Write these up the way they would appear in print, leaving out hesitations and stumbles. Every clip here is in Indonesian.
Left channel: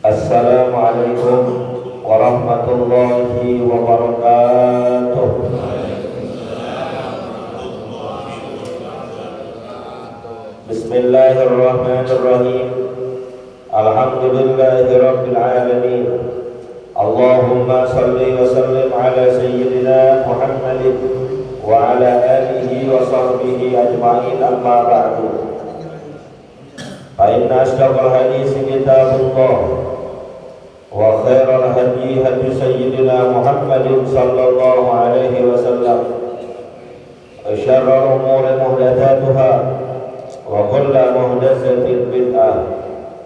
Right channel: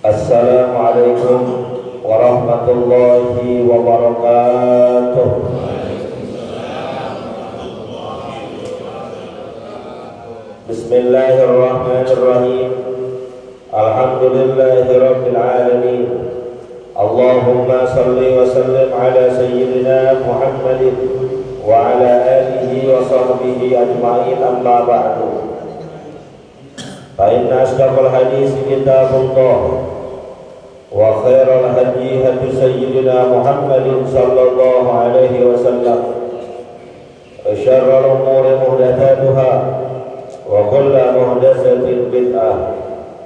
Assalamualaikum warahmatullahi wabarakatuh. Bismillahirrahmanirrahim. Alhamdulillahirabbil alamin. Allahumma shalli wa sallim ala sayyidina Muhammadin wa ala alihi wa sahbihi ajma'in, amma ba'du. Fa inna asdaqal hadits kitabullah wa khairal hadi hadi sayyidina Muhammadin sallallahu alaihi wasallam, wa syarrul umuri muhdatsatuha, wa kullu muhdatsatin bid'ah,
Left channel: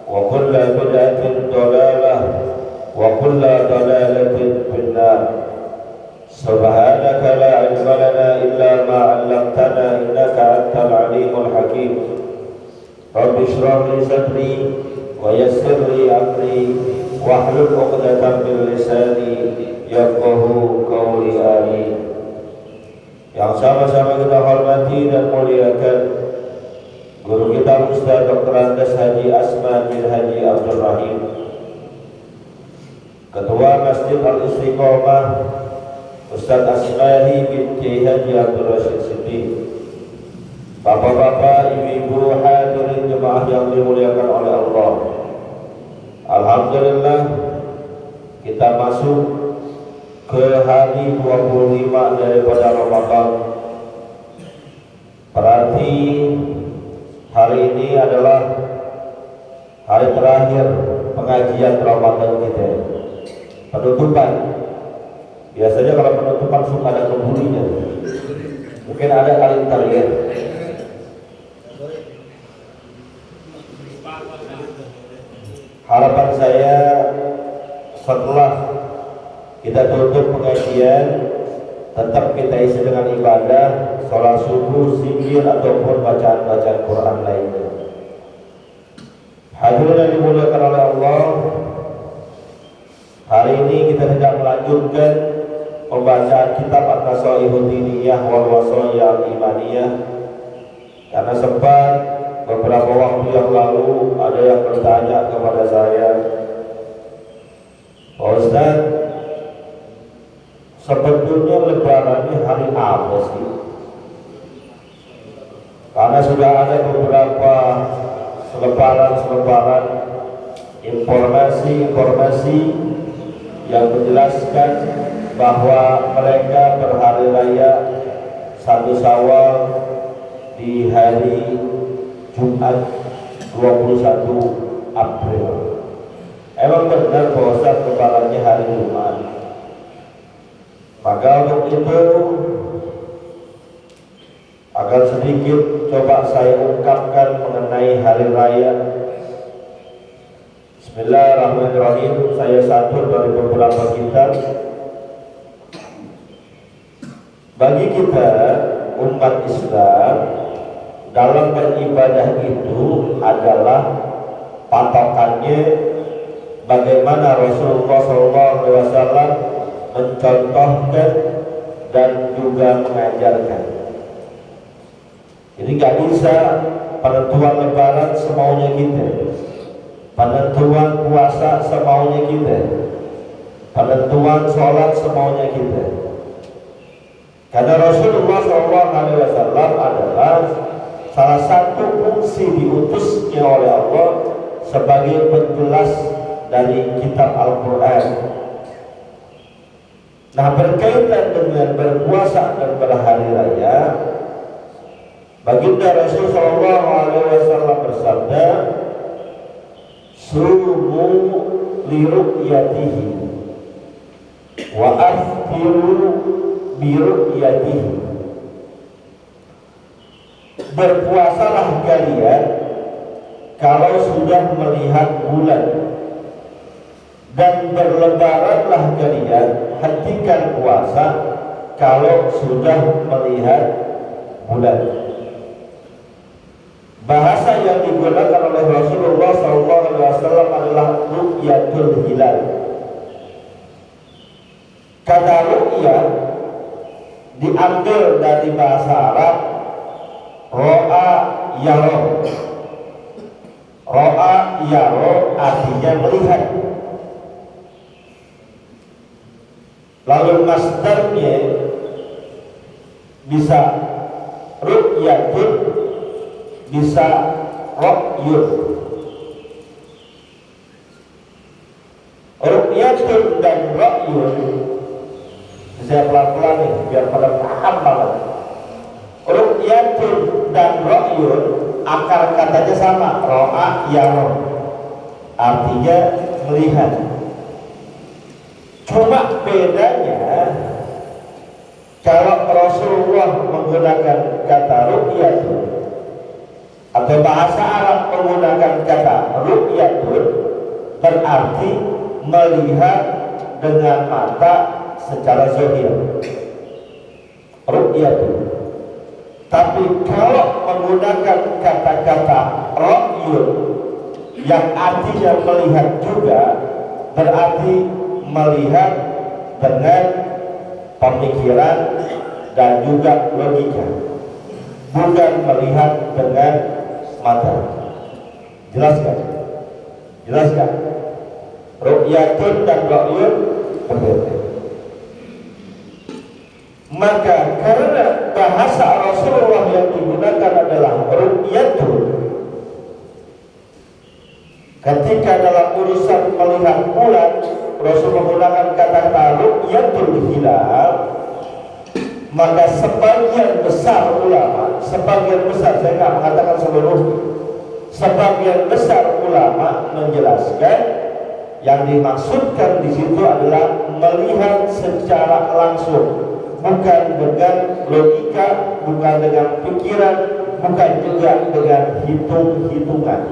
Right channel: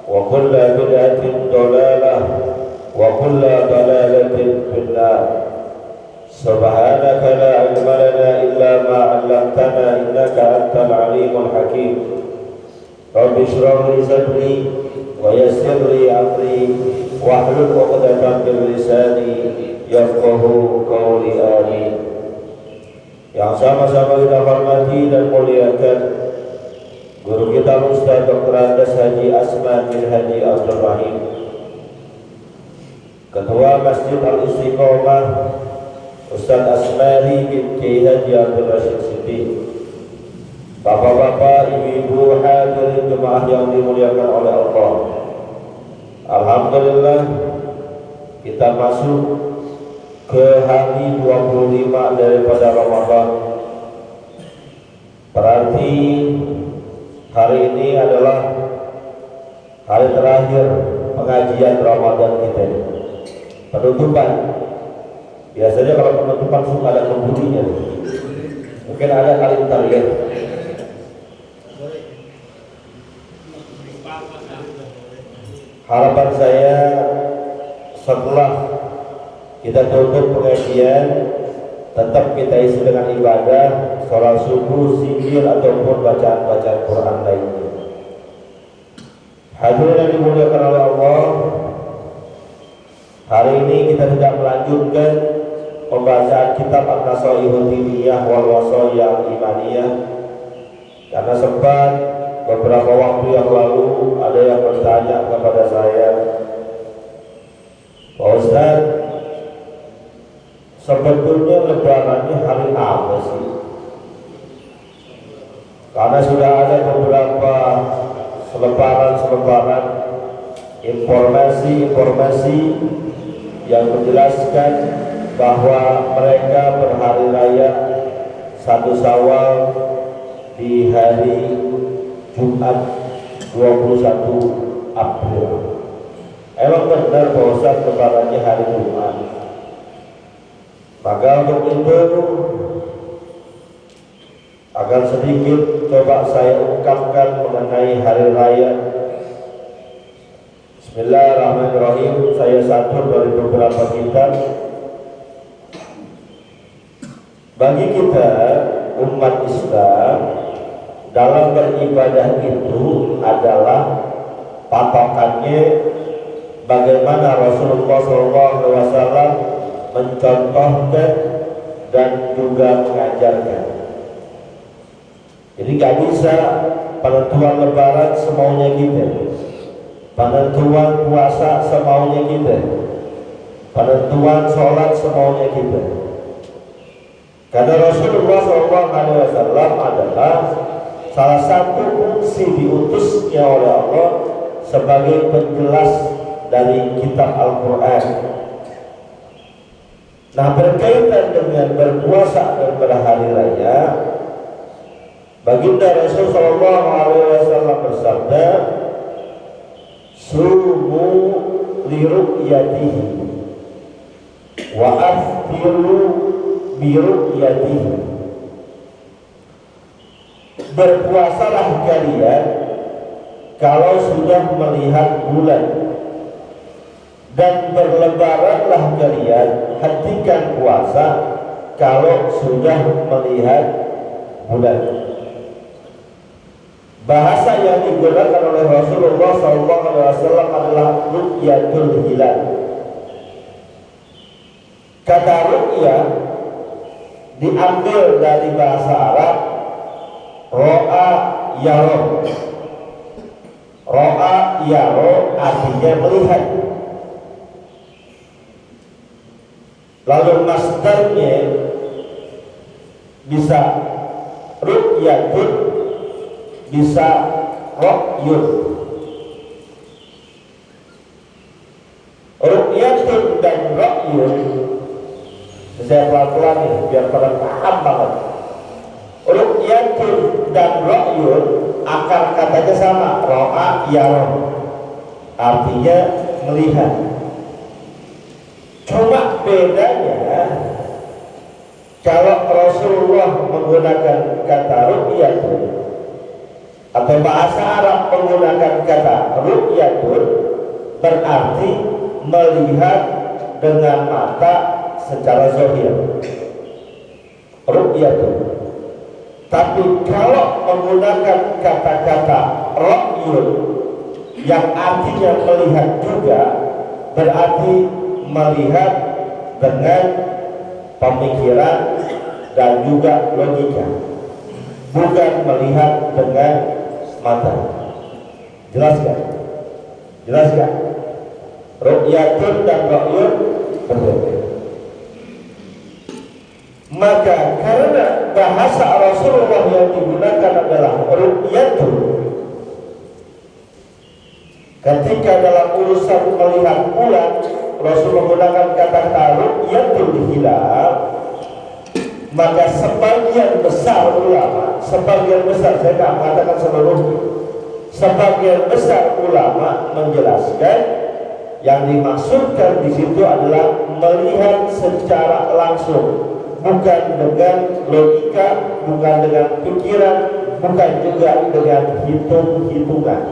wa kullu bid'atin dhalalah, wa kullu dhalalatin finnar. Subhanaka la ilma lana illa ma 'allamtana innaka antal alimul hakim. Rabbi shrah li sadri wa yassir li amri wahlul 'uqdatam min lisani yafqahu qawli. Amin. Yang sama-sama kita hormati dan muliakan guru kita Ustaz Dr. Andes Haji Asman bin Haji Abdul Rahim, Ketua Masjid Al-Istiqomah Ustaz Asma'i binti Haji Abdul Rashid Siddiq, bapak-bapak, ibu-ibu, hadirin jemaah yang dimuliakan oleh Allah. Alhamdulillah, kita masuk ke hari 25 daripada Ramadan. Berarti hari ini adalah hari terakhir pengajian Ramadan kita. Penutupan. Biasanya kalau penutupan suka ada pemburinya. Mungkin ada kali terakhir. Harapan saya setelah kita tutup pengajian, tetap kita isi dengan ibadah, sholat subuh, zikir ataupun bacaan-bacaan Quran lainnya. Hadirin yang dimuliakan oleh Allah, hari ini kita tidak melanjutkan pembacaan kitab An-Nasaihud Diniyah wal Wasaya Imaniyah karena sempat beberapa waktu yang lalu ada yang bertanya kepada saya, Pak Ustaz, sebetulnya lebarannya hari apa sih? Karena sudah ada beberapa selebaran informasi yang menjelaskan bahwa mereka berhari raya 1 Syawal di hari Jumat 21 April. Emang benar bahwa lebarannya hari Jumat? Maka untuk itu akan sedikit coba saya ungkapkan mengenai hari raya. Bismillahirrahmanirrahim. Saya satur dari beberapa kitab Bagi kita umat Islam, dalam beribadah itu adalah patokannya bagaimana Rasulullah SAW mencontohkan dan juga mengajarkan. Jadi nggak bisa penentuan lebaran semaunya kita, penentuan puasa semaunya kita, penentuan sholat semaunya kita. Karena Rasulullah SAW adalah salah satu fungsi diutusnya oleh Allah sebagai penjelas dari kitab Al-Quran. Nah, berkaitan dengan berpuasa dan berhari raya, baginda Rasulullah SAW bersabda, "Sumu liru'yatihi wa aftiru biru'yatihi." Berpuasalah kalian kalau sudah melihat bulan, dan berlebaranlah kalian, hentikan puasa kalau sudah melihat bulan. Bahasa yang digunakan oleh Rasulullah SAW adalah ru'yatul hilal. Kata ru'yah diambil dari bahasa Arab ro'a yaro. Ro'a yaro artinya melihat. Lalu masdarnya bisa ru'yatun, bisa ro'yun. Ru'yatun dan ro'yun, saya pelan-pelan ya biar pada paham banget. Ru'yatun dan ro'yun akar katanya sama, ro'a yaro, artinya melihat. Cuma bedanya kalau Rasulullah menggunakan kata ru'yatun atau bahasa Arab menggunakan kata ru'yatun, berarti melihat dengan mata secara zahir, ru'yatun. Tapi kalau menggunakan kata-kata ro'yun yang artinya melihat juga, berarti melihat dengan pemikiran dan juga logika, bukan melihat dengan mata. Jelas kan? Jelas kan? Ru'yatun dan ro'yun berbeda. Maka karena bahasa Rasulullah yang digunakan adalah ru'yatun, ketika dalam urusan melihat bulan Rasul menggunakan kata-kata ru'yatul hilal, maka sebagian besar ulama, sebagian besar, saya nggak mengatakan seluruhnya, sebagian besar ulama menjelaskan yang dimaksudkan di situ adalah melihat secara langsung, bukan dengan logika, bukan dengan pikiran, bukan juga dengan hitung-hitungan.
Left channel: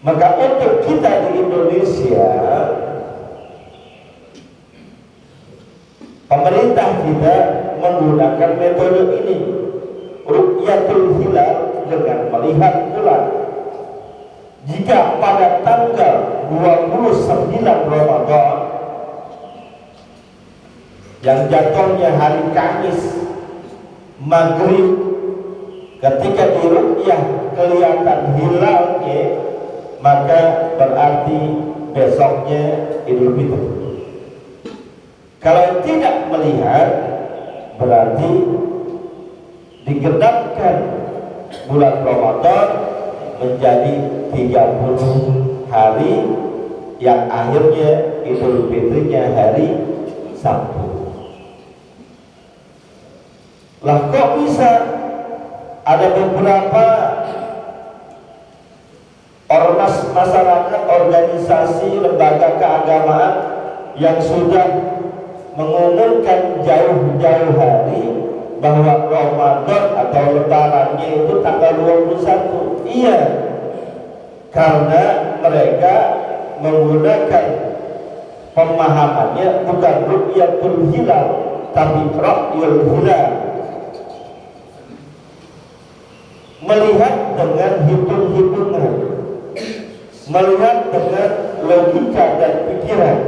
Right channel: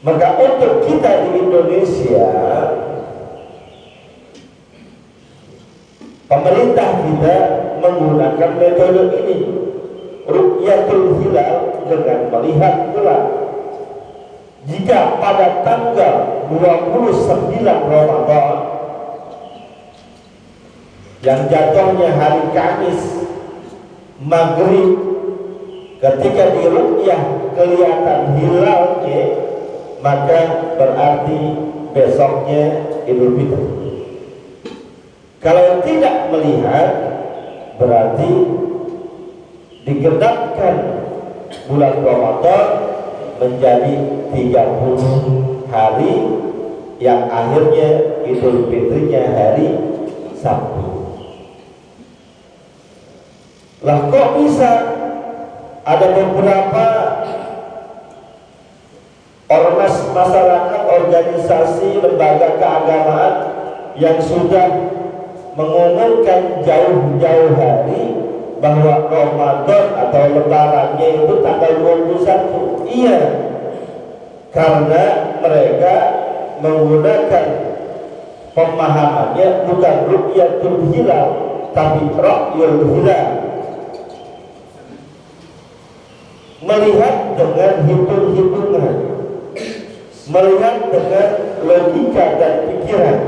Maka untuk kita di Indonesia, pemerintah kita menggunakan metode ini, ru'yatul hilal, dengan melihat bulan. Jika pada tanggal 29 Ramadan yang jatuhnya hari Kamis maghrib, ketika di ru'yah kelihatan hilalnya, maka berarti besoknya Idul Fitri. Kalau tidak melihat, berarti digenapkan bulan Ramadan menjadi 30 hari, yang akhirnya Idul Fitrinya hari Sabtu. Lah kok bisa ada beberapa ormas masyarakat, organisasi, lembaga keagamaan yang sudah mengumumkan jauh-jauh hari bahwa Ramadan atau lebarannya itu tanggal 21. Iya, karena mereka menggunakan pemahamannya bukan ru'yatul hilal tapi ra'yul hilal, melihat dengan hitung-hitungan, melihat dengan logika dan pikiran.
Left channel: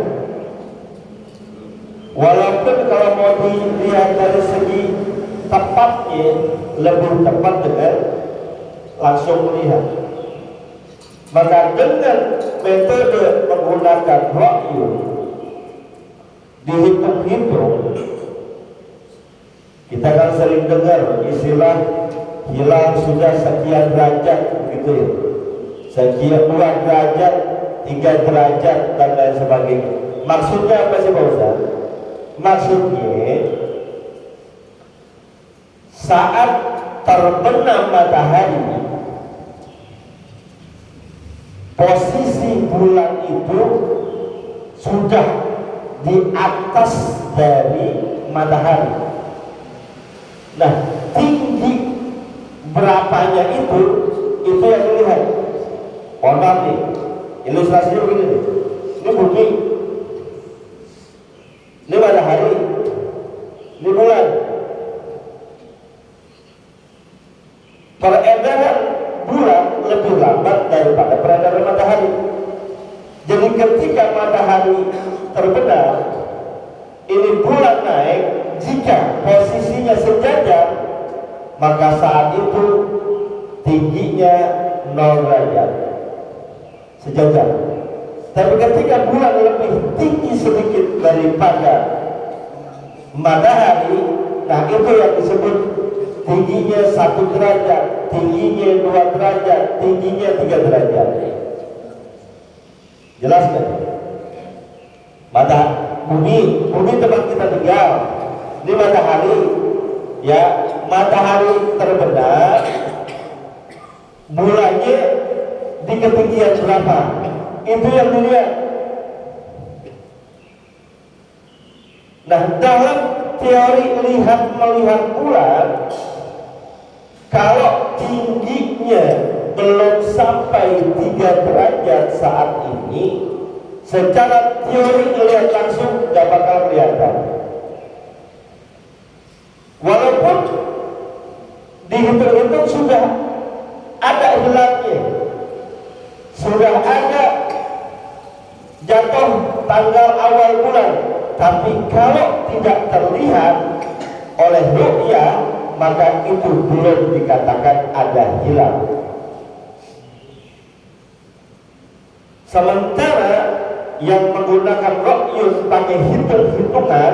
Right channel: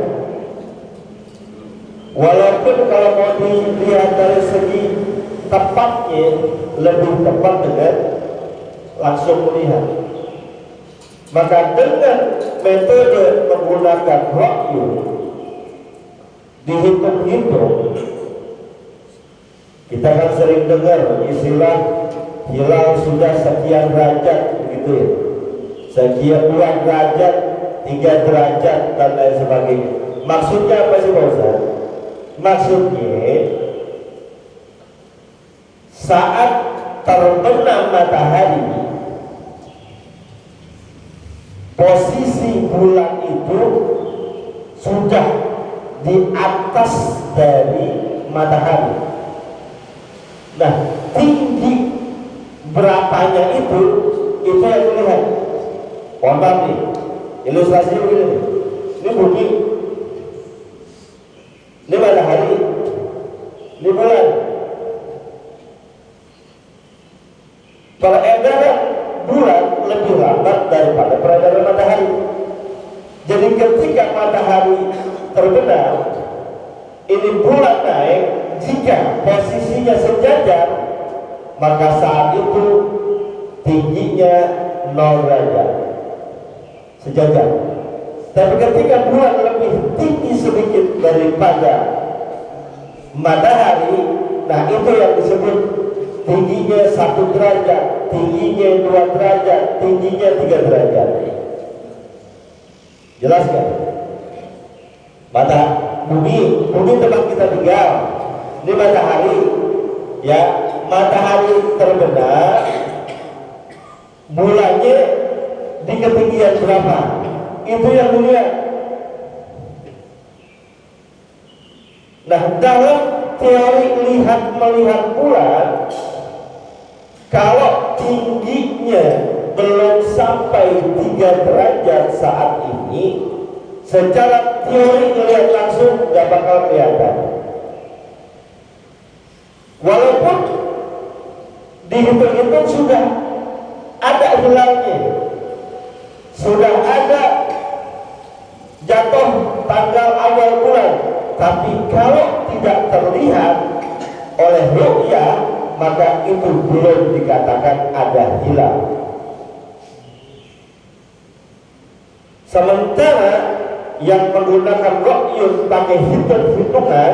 Walaupun kalau mau dilihat dari segi tepatnya, lebih tepat dengan langsung melihat. Maka dengan metode menggunakan ra'yu, dihitung-hitung, kita kan sering dengar istilah hilal sudah sekian derajat, begitu ya, sekian 2 derajat, 3 derajat dan lain sebagainya. Maksudnya apa sih Pak Ustaz? Maksudnya saat terbenam matahari, posisi bulan itu sudah di atas dari matahari. Nah, tinggi berapanya itu yang dilihat. Wabah nih, ilustrasinya begini. Ini bumi, ini matahari, ini bulan. Peredaran bulan lebih lambat daripada peredaran matahari. Jadi ketika matahari terbenam, ini bulan naik, jika posisinya sejajar, maka saat itu tingginya 0 derajat, sejajar. Tapi ketika bulan lebih tinggi sedikit daripada matahari, nah itu yang disebut tingginya 1 derajat, tingginya 2 derajat, tingginya 3 derajat. Jelas kan? Bumi tempat kita tinggal, ini matahari, ya, matahari terbenam, bulannya di ketinggian berapa? Itu yang dilihat. Nah, dalam teori melihat bulan, kalau tingginya belum sampai 3 derajat saat ini, secara teori melihat langsung gak bakal kelihatan. Walaupun dihitung-hitung sudah ada hilalnya, sudah ada jatuh tanggal awal bulan, tapi kalau tidak terlihat oleh ru'yah, maka itu belum dikatakan ada hilal. Sementara yang menggunakan ra'yu pakai hitung-hitungan,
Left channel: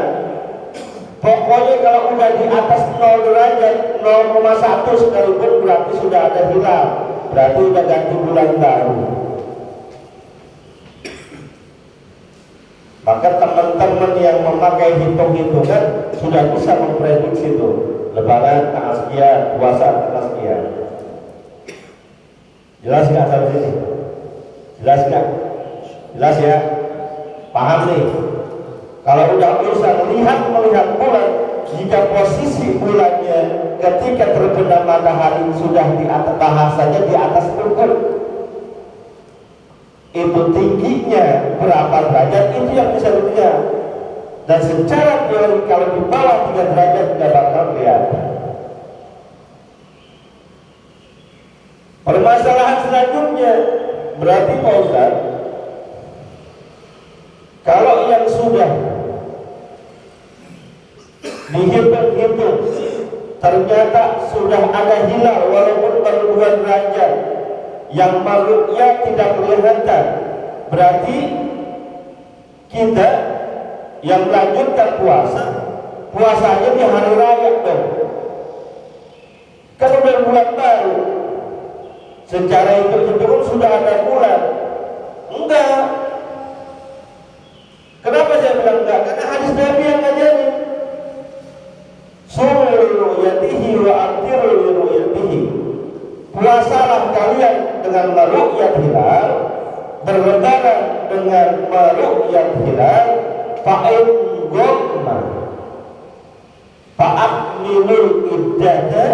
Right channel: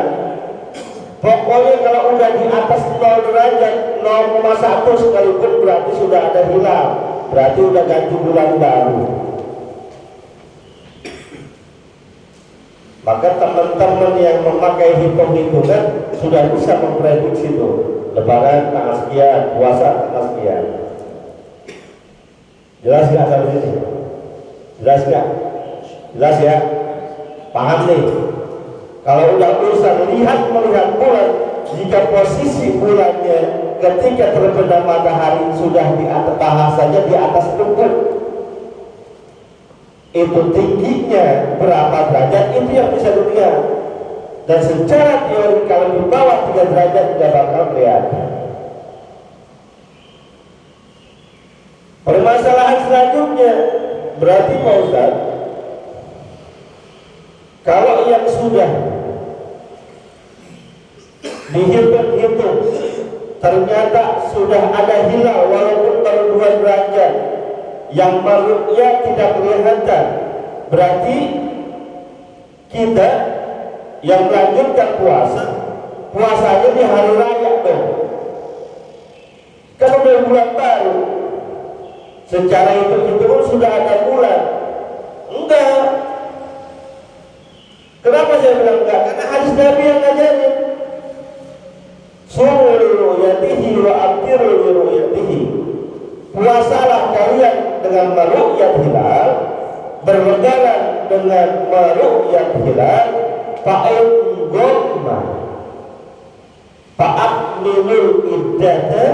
pokoknya kalau udah di atas 0 derajat, 0,1 sekalipun berarti sudah ada hilal, berarti udah ganti bulan baru. Maka teman-teman yang memakai hitung-hitungan sudah bisa memprediksi itu Lebaran tanggal sekian, puasa tanggal sekian. Jelas nggak sampai sini? Jelas nggak? Jelas ya? Paham nih? Kalau udah urusan melihat bulan, jika posisi bulannya ketika terbenam matahari sudah di atas, bahasanya di atas ufuk, itu tingginya berapa derajat, itu yang bisa dilihat. Dan secara teori kalau di bawah 3 derajat tidak bakal kelihatan. Permasalahan selanjutnya berarti Pak Ustaz, kalau yang sudah dihitung-hitung ternyata sudah ada hilal walaupun baru 2 derajat, yang makhluknya tidak kelihatan, berarti kita yang melanjutkan puasanya di hari raya dong. Kan udah bulan baru, secara itu sudah ada bulan. Enggak. Kenapa saya bilang enggak? Karena hadis Nabi yang ngajarin, sumu li ru'yatihi wa aftiru li ru'yatihi. Puasalah kalian dengan meru'yat hilal, berlebaran dengan meru'yat hilal, fa'in gomma fa'akmilul iddata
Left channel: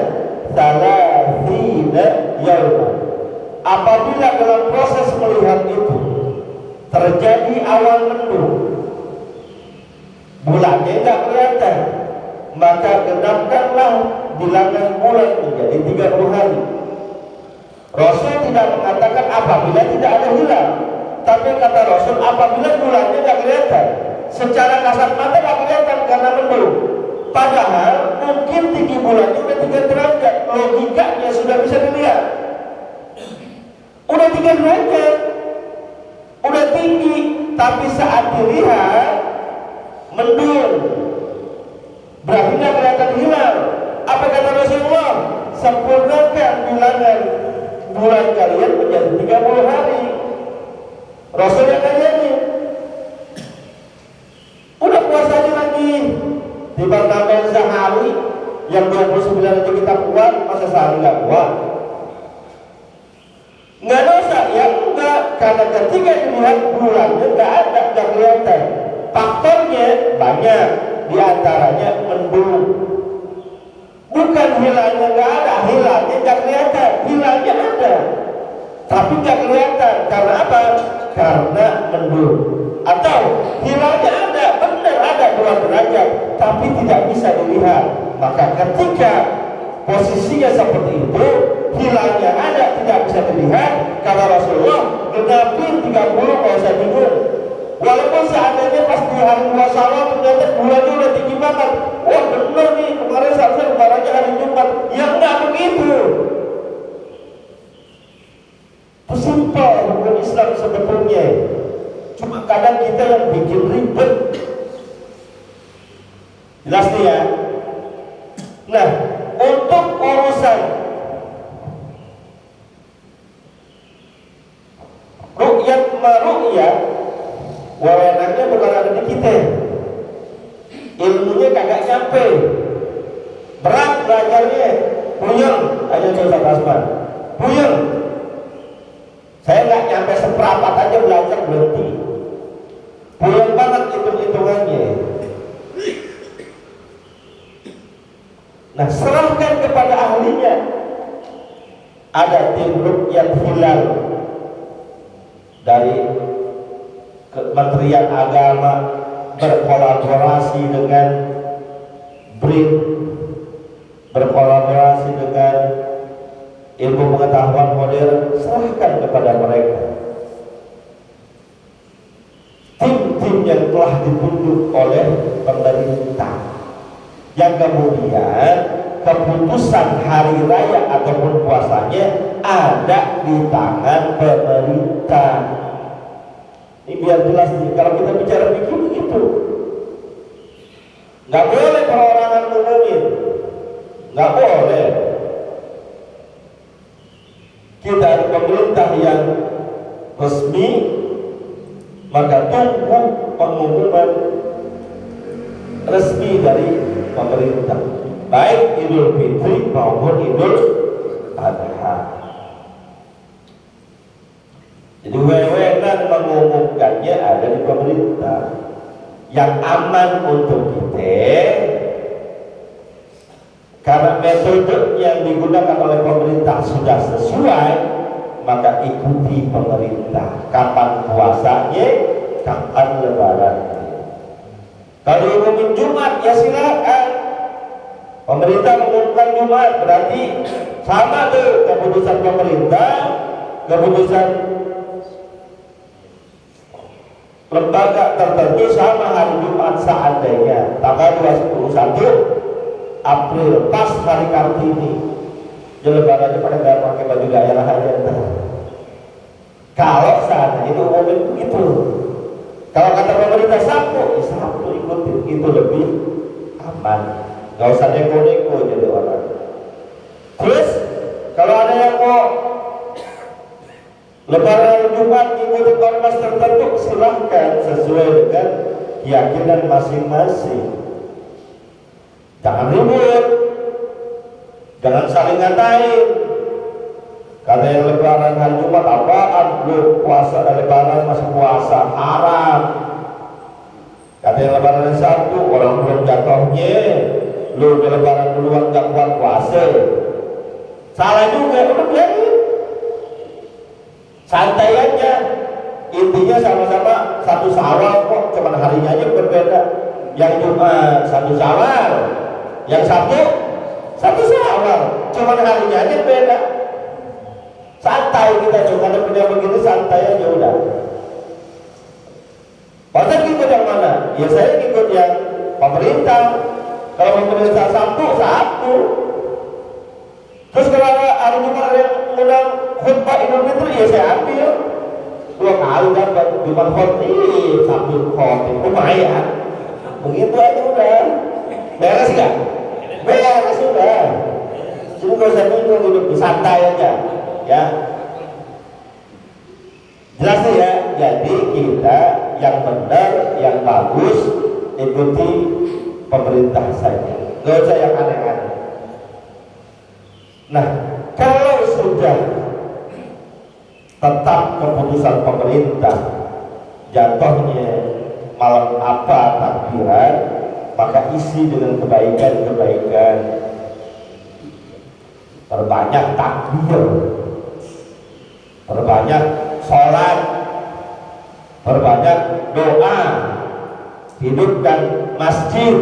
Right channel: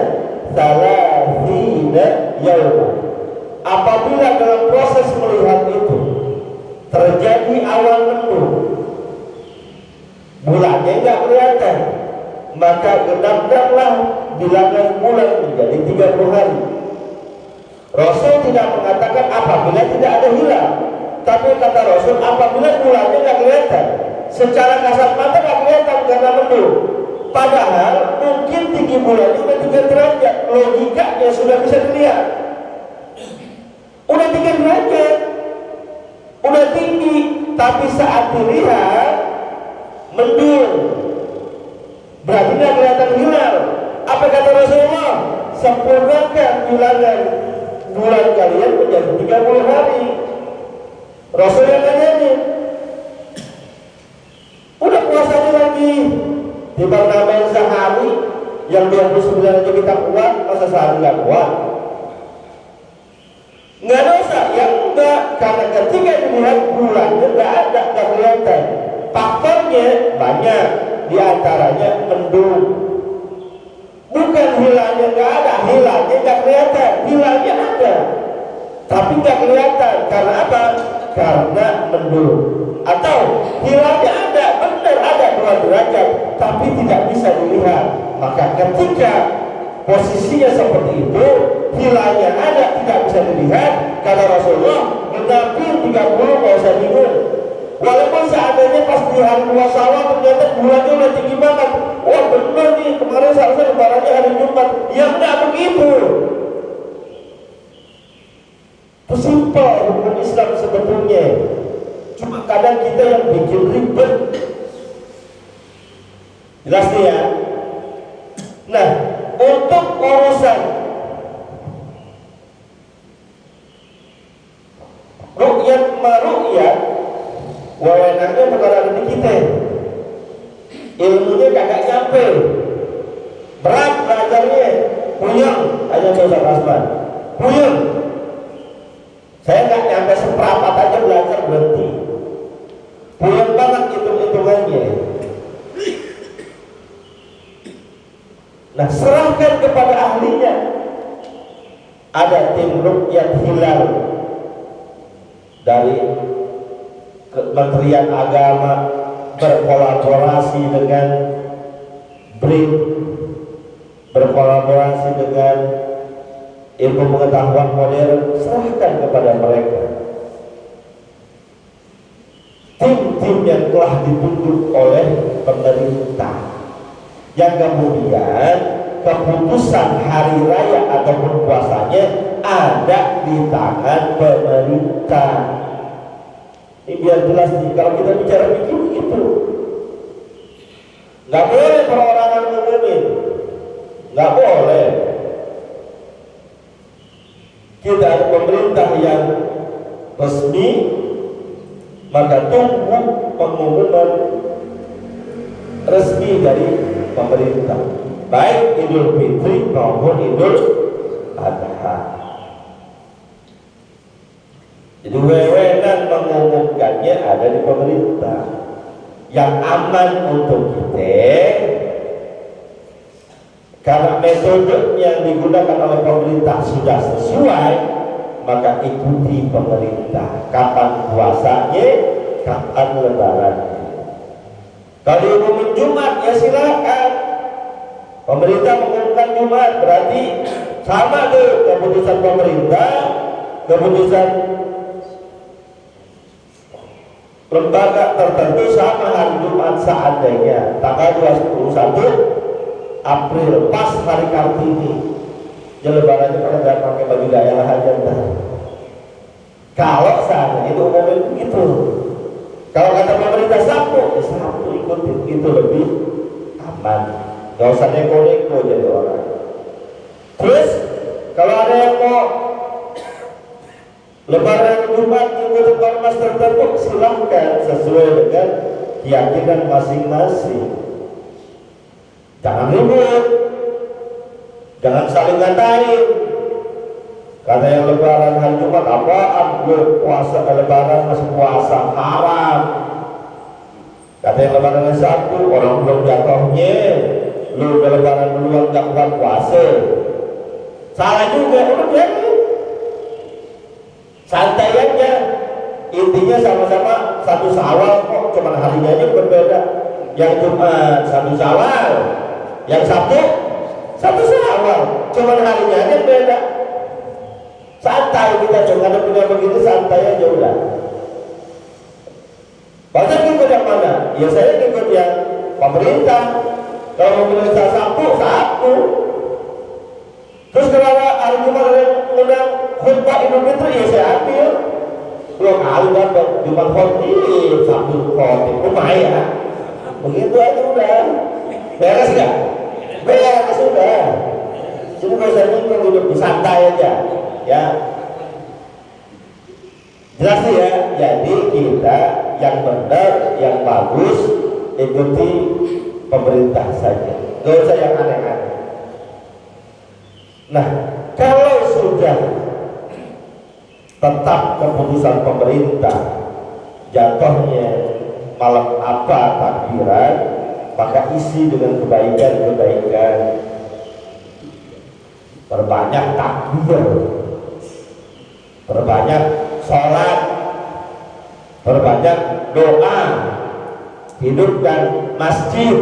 thalathina yawma. Apabila dalam proses melihat itu terjadi awan mendung bulannya nggak kelihatan, maka genapkanlah bilangan bulan menjadi 30 hari. Rasul tidak mengatakan apabila tidak ada hilal, tapi kata Rasul apabila bulannya nggak kelihatan, secara kasat mata nggak kelihatan karena mendung. Padahal mungkin tinggi bulannya udah 3 derajat, logikanya sudah bisa dilihat. Udah 3 derajat, udah tinggi, tapi saat dilihat mendung, berarti nggak kelihatan hilal. Apa kata Rasulullah? Sempurnakan bilangan bulan kalian menjadi 30 hari. Rasul yang ngajarin. Udah puasanya lagi dibandingkan sehari yang 29 aja kita kuat, masa sehari nggak kuat? Nggak dosa, ya enggak, karena ketika dilihat bulannya nggak ada, nggak kelihatan. Faktornya banyak, diantaranya mendung. Bukan hilalnya nggak ada, hilalnya nggak kelihatan, hilalnya ada, tapi nggak kelihatan. Karena apa? Karena mendung. Atau hilalnya ada, benar ada 2 derajat, tapi tidak bisa dilihat. Maka ketika posisinya seperti itu, hilalnya ada, tidak bisa dilihat, kata Rasulullah, genapi 30 nggak usah bingung. Walaupun seandainya pas di hari puasa ternyata bulannya udah tinggi banget, wah benar nih kemarin seharusnya lebarannya hari Jumat, ya nggak begitu. Itu simpel hukum Islam sebetulnya, cuma kadang kita yang bikin ribet. Jelas nih ya. Nah, untuk urusan ru'yat maru'yat, wewenangnya bukan ada di kita, ilmunya kagak nyampe, berat belajarnya, puyeng. Ayo coba Rasman, puyeng. Saya nggak nyampe seperempat aja belajar berhenti, puyeng banget hitung-hitungannya. Nah, serahkan kepada ahlinya. Ada tim ruqyat hilal dari Kementerian Agama berkolaborasi dengan BRIN, berkolaborasi dengan ilmu pengetahuan modern. Serahkan kepada mereka. Tim-tim yang telah ditunjuk oleh pemerintah, yang kemudian keputusan hari raya ataupun puasanya ada di tangan pemerintah. Ini biar jelas nih, kalau kita bicara begitu, nggak boleh perorangan ngumumin, nggak boleh. Kita ada pemerintah yang resmi, maka tunggu pengumuman resmi dari pemerintah, baik Idul Fitri maupun Idul Adha. Jadi wewenang mengumumkannya ada di pemerintah. Yang aman untuk kita, karena metode yang digunakan oleh pemerintah sudah sesuai, maka ikuti pemerintah. Kapan puasanya, kapan lebaran. Kalau diumumin Jumat, ya silakan. Pemerintah mengumumkan Jumat, berarti sama tuh keputusan pemerintah, keputusan lembaga tertentu sama hari Jumat. Seandainya tanggal 21 April pas hari Kartini, ya lebarannya pada pakai baju daerah aja ntar. Kalau saat itu umumin begitu. Kalau kata pemerintah Sabtu, ya Sabtu ikutin, itu lebih aman. Gak usah neko-neko jadi orang. Terus kalau ada yang mau lebaran Jumat ikutin ormas tertentu, silahkan sesuai dengan keyakinan masing-masing. Jangan ribut, jangan saling ngatain. Karena yang lebaran hari Jumat apaan? Lu puasa lebaran masih puasa haram. Kata yang lebaran hari Sabtu, orang belum jatuhnya, lu udah lebaran duluan gak kuat puasa. Salah juga, udah biarin. Santai aja. Intinya sama-sama satu Syawal kok, cuma harinya aja berbeda. yang Jumat 1 Syawal, yang Sabtu 1 Syawal, cuma harinya aja beda. Santai kita juga ada beda begini, santai aja udah. Masa ngikut yang mana? Ya saya ngikut yang pemerintah. Kalau pemerintah Sabtu. Terus kalau hari Jumat ada yang mengundang khutbah Idul Fitri, ya saya ambil 2 kali dapat Jumat khotib, Sabtu khotib, lumayan. Begitu aja udah. Beres nggak? Beres sudah. Cuma kalau saya hidup santai aja, ya. Jelas ya. Jadi kita yang benar, yang bagus ikuti pemerintah saja. Gak usah yang aneh-aneh. Nah, kalau sudah tetap keputusan pemerintah jatuhnya malam apa takbiran, maka isi dengan kebaikan-kebaikan. Perbanyak takbir, perbanyak sholat, perbanyak doa, hidupkan masjid,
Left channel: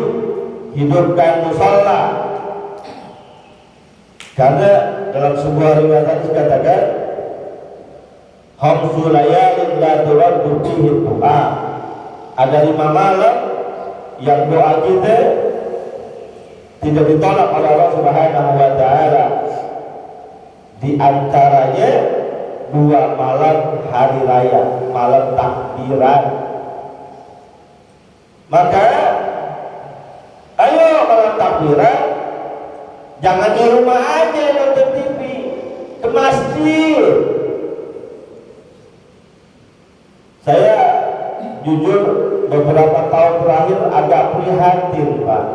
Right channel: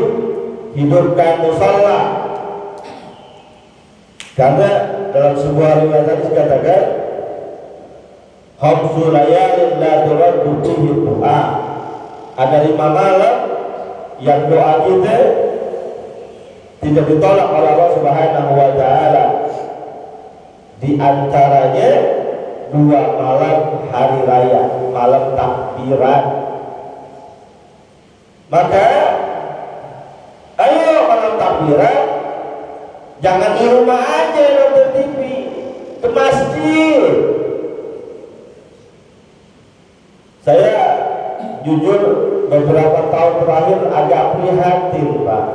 hidupkan musola. Karena dalam sebuah riwayat hadis dikatakan, khamsu layalin la turaddu fihi du'a. Ada 5 malam yang doa kita tidak ditolak oleh Allah Subhanahu wa taala. Di antaranya 2 malam hari raya, malam takbiran. Maka ayo malam takbiran, jangan di rumah aja nonton TV, ke masjid. Saya jujur beberapa tahun terakhir agak prihatin, Pak.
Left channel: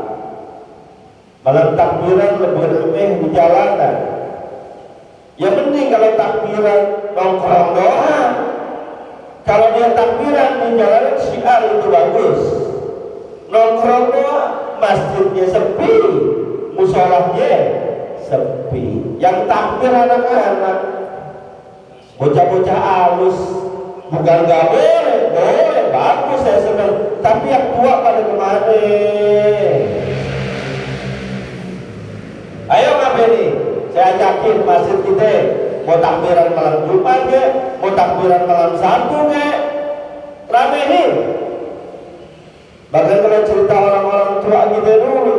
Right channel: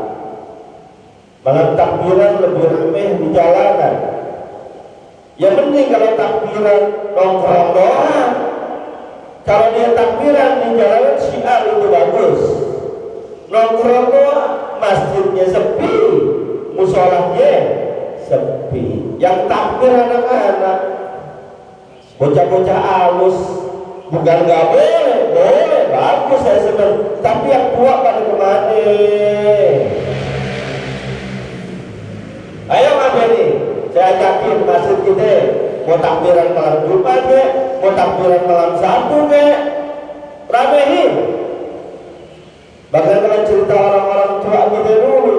Malam takbiran lebih ramai di jalanan. Ya mending kalau takbiran nongkrong doang. Kalau dia takbiran di jalanan syiar itu bagus. Nongkrong doang, masjidnya sepi, musolahnya sepi. Yang takbir anak-anak, bocah-bocah alus, bukan nggak boleh, boleh, bagus saya senang. Tapi yang tua pada kemana? Ayo ngapain nih? Saya ajakin masjid kita mau takbiran malam Jumat ke, mau takbiran malam Sabtu ke, ramehin. Bahkan kalau cerita orang-orang tua kita dulu,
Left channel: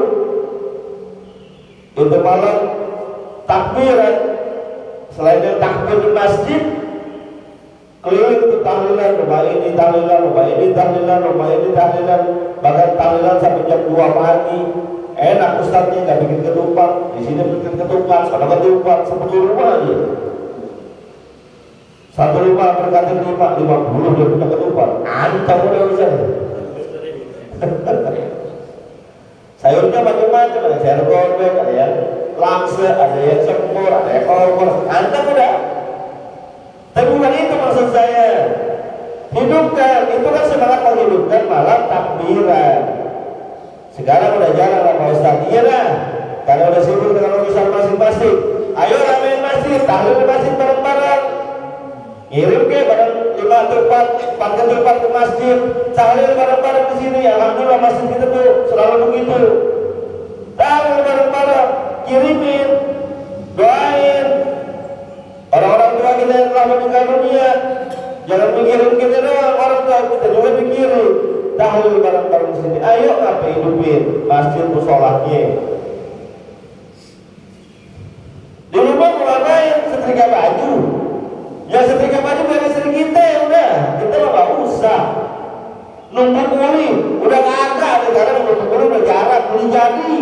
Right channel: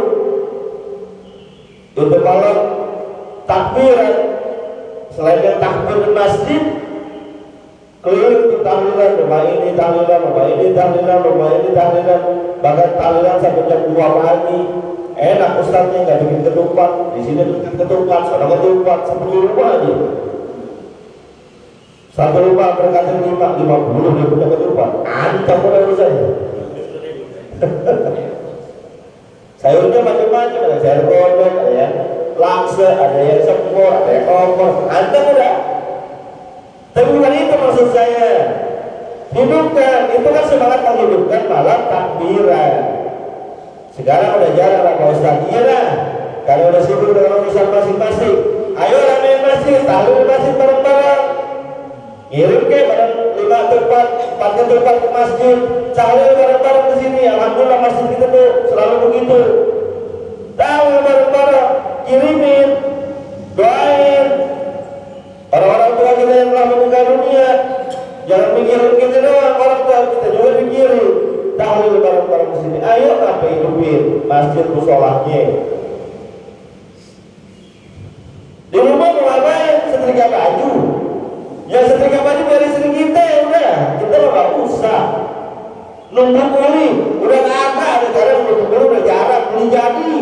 itu malam takbiran, selain dari takbir di masjid, keliling itu tahlilan, rumah ini tahlilan, rumah ini tahlilan, rumah ini tahlilan, bahkan tahlilan sampai jam 2 pagi. Enak ustadznya nggak bikin ketupat, di sini bikin ketupat, soalnya ketupat 10 rumah aja. 1 rumah berkati 50 dia punya ketupat, anteng udah bisa. Sayurnya macam-macam, ada sayur kodok, ada yang laksa, ada yang sempur, ada yang opor, anteng udah. Tapi bukan itu maksud saya. Hidupkan, itu kan semangat menghidupkan malam takbiran. Sekarang udah jarang Pak Ustaz. Iya dah, karena udah sibuk dengan urusan masing-masing. Ayo ramein masjid, tahlil masjid bareng-bareng. Kirim ke bareng 5 ketupat, 4 ketupat ke masjid, tahlil bareng-bareng di sini. Alhamdulillah masjid kita tuh selalu begitu. Tahlil bareng-bareng, kirimin, doain orang-orang tua kita yang telah meninggal dunia. Jangan pikirin kita doang, orang tua kita juga pikirin. Tahlil bareng-bareng di sini. Ayo apa hidupin masjid musolahnya. Di rumah mau ngapain? Setrika baju. Ya setrika baju biar istri kita ya udah. Kita mah gak usah numpuk kuli. Udah gak ada sekarang, numpuk kuli udah jarang, beli jadi.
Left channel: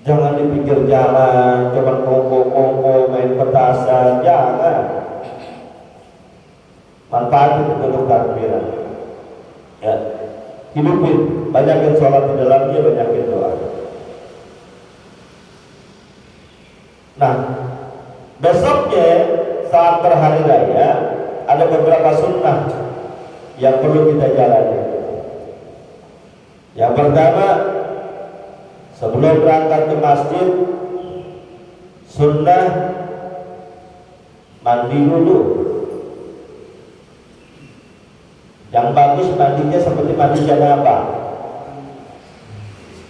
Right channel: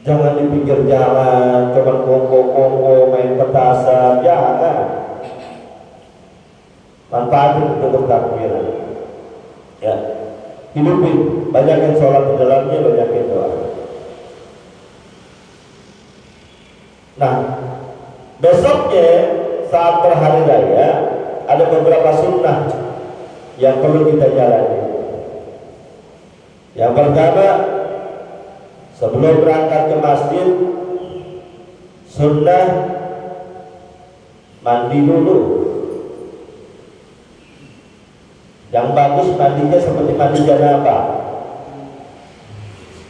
Jangan di pinggir jalan, cuman kongko-kongko main petasan, jangan. Manfaatin untuk takbiran. Ya, hidupin, banyakin sholat di dalamnya, banyakin doa. Nah, besoknya saat berhari raya ada beberapa sunnah yang perlu kita jalani. Yang pertama, sebelum berangkat ke masjid, sunnah mandi dulu. Yang bagus mandinya seperti mandi janabah.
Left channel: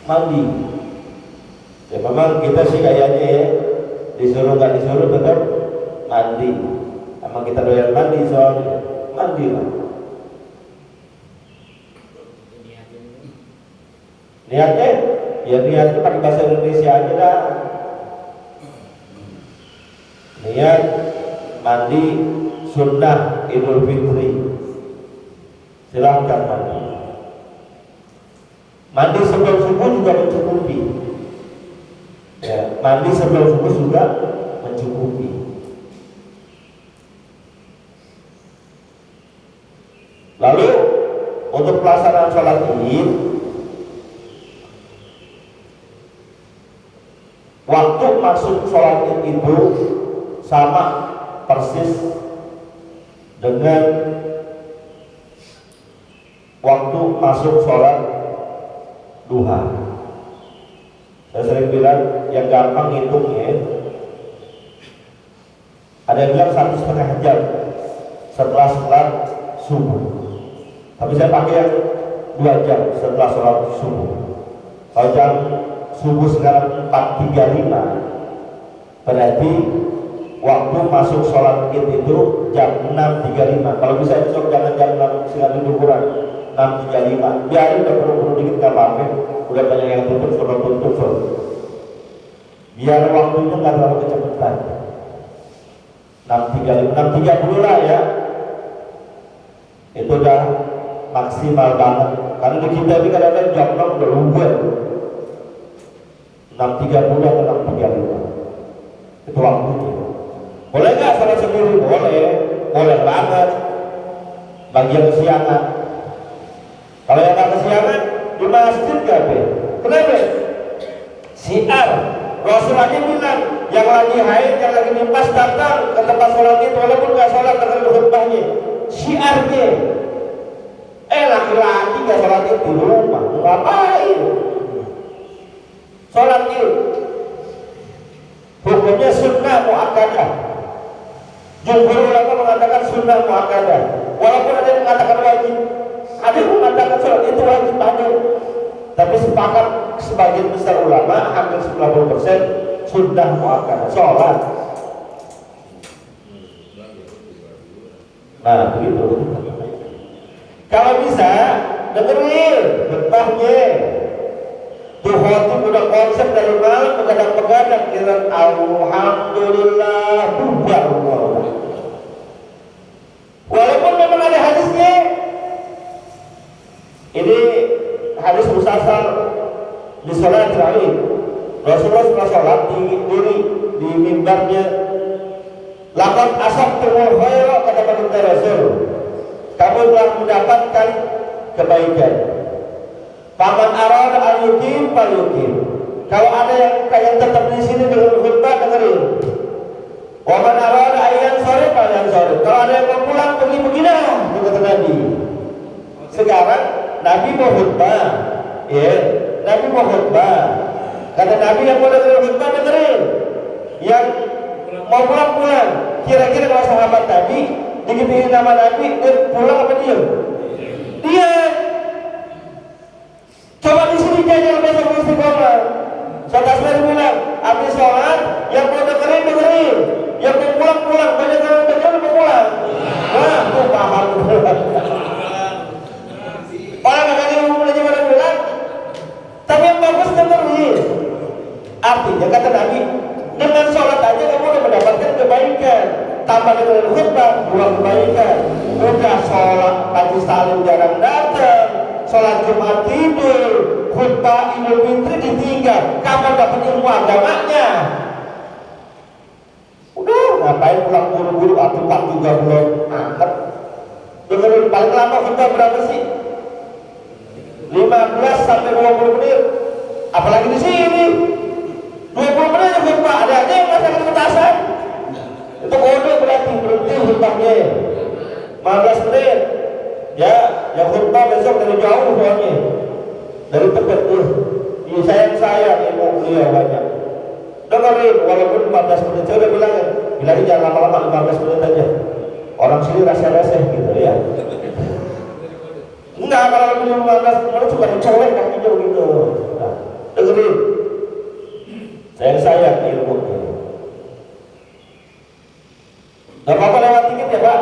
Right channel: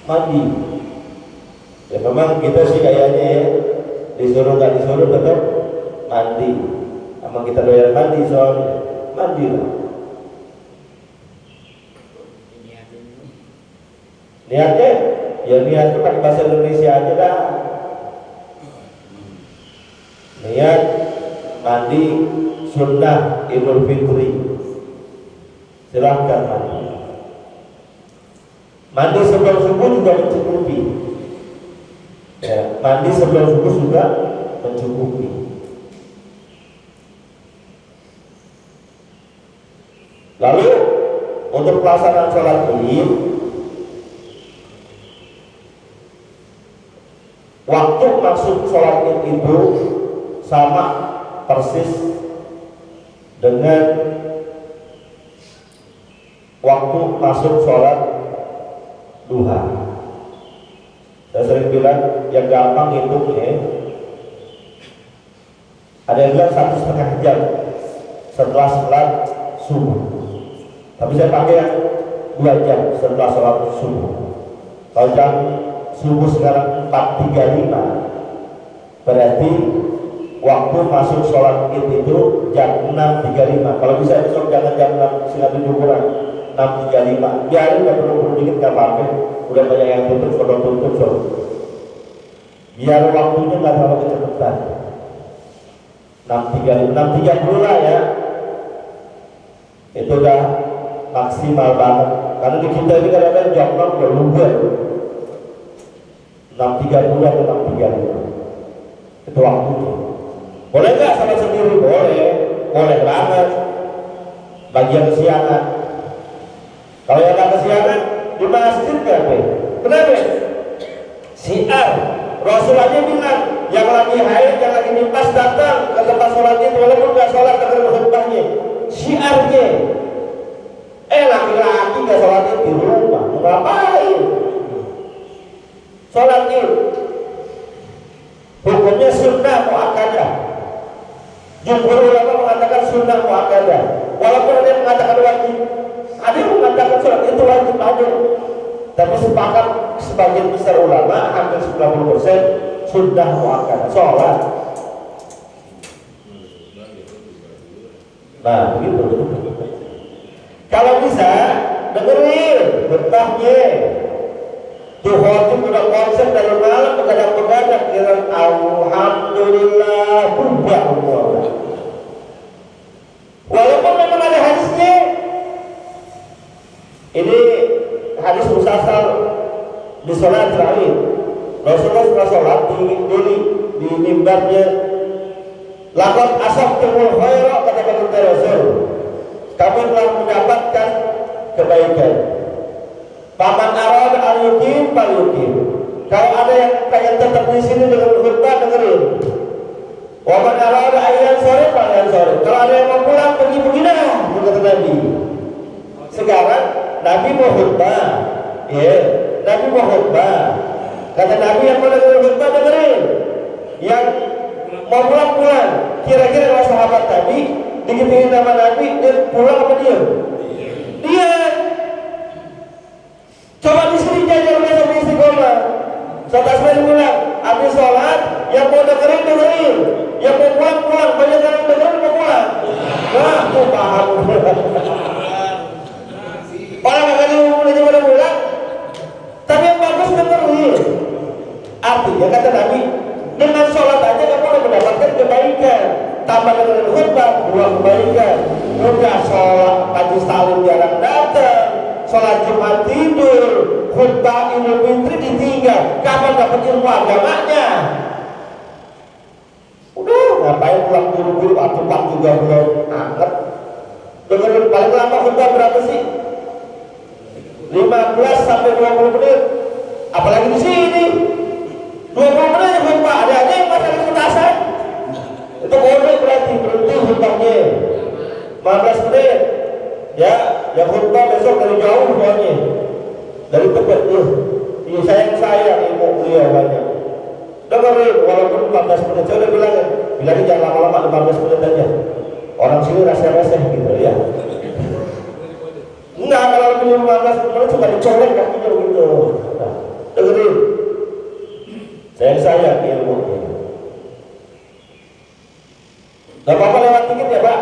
Mandi. Ya memang kita sih kayaknya ya disuruh nggak disuruh tetap mandi. Sama kita doyan mandi soalnya mandi lah. Niatnya, ya niatnya pakai bahasa Indonesia aja dah. Niat mandi sunnah Idul Fitri. Silahkan mandi. Mandi sebelum subuh juga mencukupi. Ya, mandi sebelum subuh juga mencukupi. Lalu untuk pelaksanaan sholat Id, waktu maksud sholat Id itu sama persis dengan waktu masuk sholat duha. Saya sering bilang yang gampang hitung ya. Ada yang bilang 1,5 jam setelah sholat subuh. Tapi saya pakai 2 jam setelah sholat subuh. Kalau jam subuh sekarang 4.35, berarti waktu masuk sholat Id itu jam 6.35. Kalau bisa besok jangan jam 6, silakan kurang 6.35. Biarin udah perlu dikit gak apa-apa. Udah banyak yang tutup, sholat. Biar waktunya nggak terlalu kecepatan. 6.30 lah ya. Itu udah maksimal banget. Karena di kita ini kadang-kadang jam 6 udah luber. 6.30 atau 6.35. Itu waktunya. Boleh nggak sholat sendiri? Boleh. Boleh banget. Bagi yang kesiangan. Kalau yang nggak kesiangan di masjid nggak be? Kenapa? Syiar. Rasulullah bilang yang lagi haid, yang lagi nifas datang ke tempat sholat itu walaupun nggak sholat dengar khutbahnya. Syiarnya. Laki-laki nggak sholat itu di rumah, ngapain? Sholat itu hukumnya sunnah muakkadah. Jumhur ulama mengatakan sunnah muakkadah. Walaupun ada yang mengatakan wajib, ada yang mengatakan sholat itu wajib aja. Tapi sepakat sebagian besar ulama, hampir 90% sunnah muakkadah. Sholat. Nah, begitu. Kalau bisa dengerin khutbahnya. Tuh khotib udah konsen dari malam begadang-begadang kira alhamdulillah bubar. Walaupun memang ada hadisnya. Ini hadis musasal di sholat Id. Rasulullah setelah sholat di mimbarnya, laqad asabtumul khaira kata Rasul. Kamu telah mendapatkan kebaikan. Paman arad al-yukim pal-yukim. Kalau ada yang pengen tetap di sini dengan khutbah, dengerin. Waman arad ayat sore pal sore. Kalau ada yang mau pulang pergi dah, kata Nabi. Sekarang Nabi mau khutbah, ya. Nabi mau khutbah. Kata Nabi yang mau dengerin khutbah dengerin. Yang mau pulang. Kira-kira adalah sahabat Nabi, dikit-dikit nama Nabi, dia pulang apa dia? Dia. Coba di sini jangan besok istiqomah. Saudara bilang, habis sholat, yang mau dengerin, yang mau pulang. Banyak yang dengerin mau pulang. Nah, itu paham. Orang yang kali umum aja orang bilang, tapi yang bagus dengerin. Artinya kata Nabi, dengan sholat aja kamu akan mendapatkan kebaikan. Tambah dengan khutbah, 2 kebaikan. Udah sholat Haji Salim jarang datang, sholat Jumat tidur, khutbah Idul Fitri ditinggal. Kapan dapat ilmu agamanya? Udah, ngapain pulang buru-buru? Atupan juga belum angkat. Dengerin paling lama khutbah berapa sih? 15 sampai 20 menit. Apalagi di sini 20 menit khutbah. Ada yang masakan petasan. Itu kode berarti berhenti khutbahnya 15 menit. Ya, yang khutbah besok dari jauh semuanya. Dari tempat tuh. Ini sayang ilmu beliau banyak. Dengerin walaupun 14 menit. Saya udah bilangin jangan lama-lama, 15 menit aja. Orang sini rasa-rasa gitu ya. mana sebenarnya suka dicolek kakinya gitu. Nah, dengerin. Saya ilmu. Gak apa-apa lewat dikit ya Pak.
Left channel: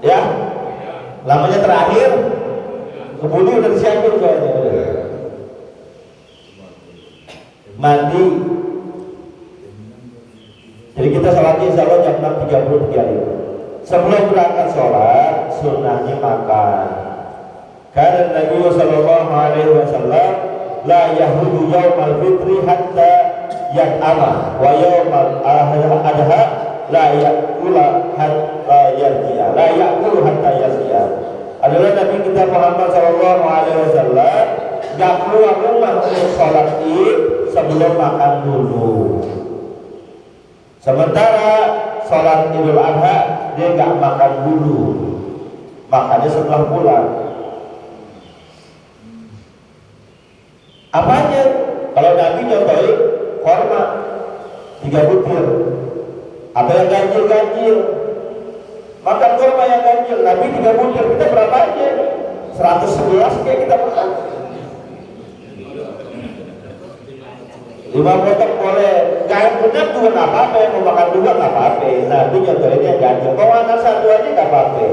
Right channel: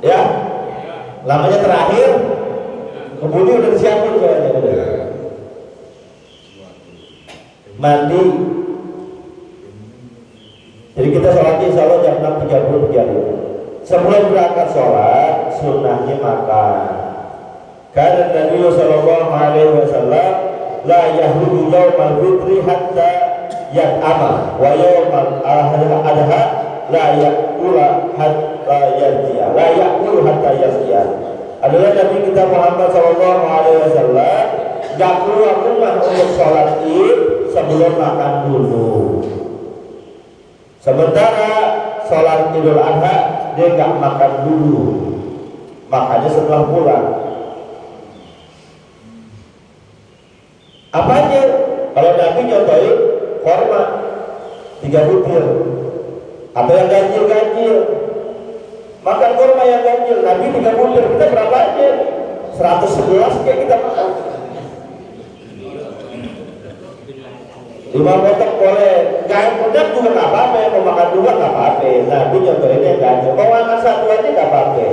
Ya. Lamanya terakhir. Kebuni udah disiapin soalnya. Mandi. Jadi kita sholatnya insya Allah jam 6.33. Sebelum berangkat sholat, sunnahnya makan. Karena Nabi Sallallahu Alaihi Wasallam la yahludu yawmal fitri hatta yat'ama wa yawmal adha la yakula hatta yarji'a. La yakulu hatta yarji'a. Adalah Nabi kita Muhammad Sallallahu Alaihi Wasallam gak keluar rumah untuk sholat id sebelum makan dulu. Sementara sholat Idul Adha dia gak makan dulu, makannya setelah pulang. Apanya? Kalau Nabi contohin korma 3 butir atau yang ganjil, makan korma yang ganjil. Nabi 3 butir, kita berapanya? 111 kayak kita makan. 5 potong boleh, ganjilnya juga nggak apa-apa. Yang mau makan 2 nggak apa-apa. Nabi contohinnya yang ganjil. Mau makan 1 aja nggak apa-apa.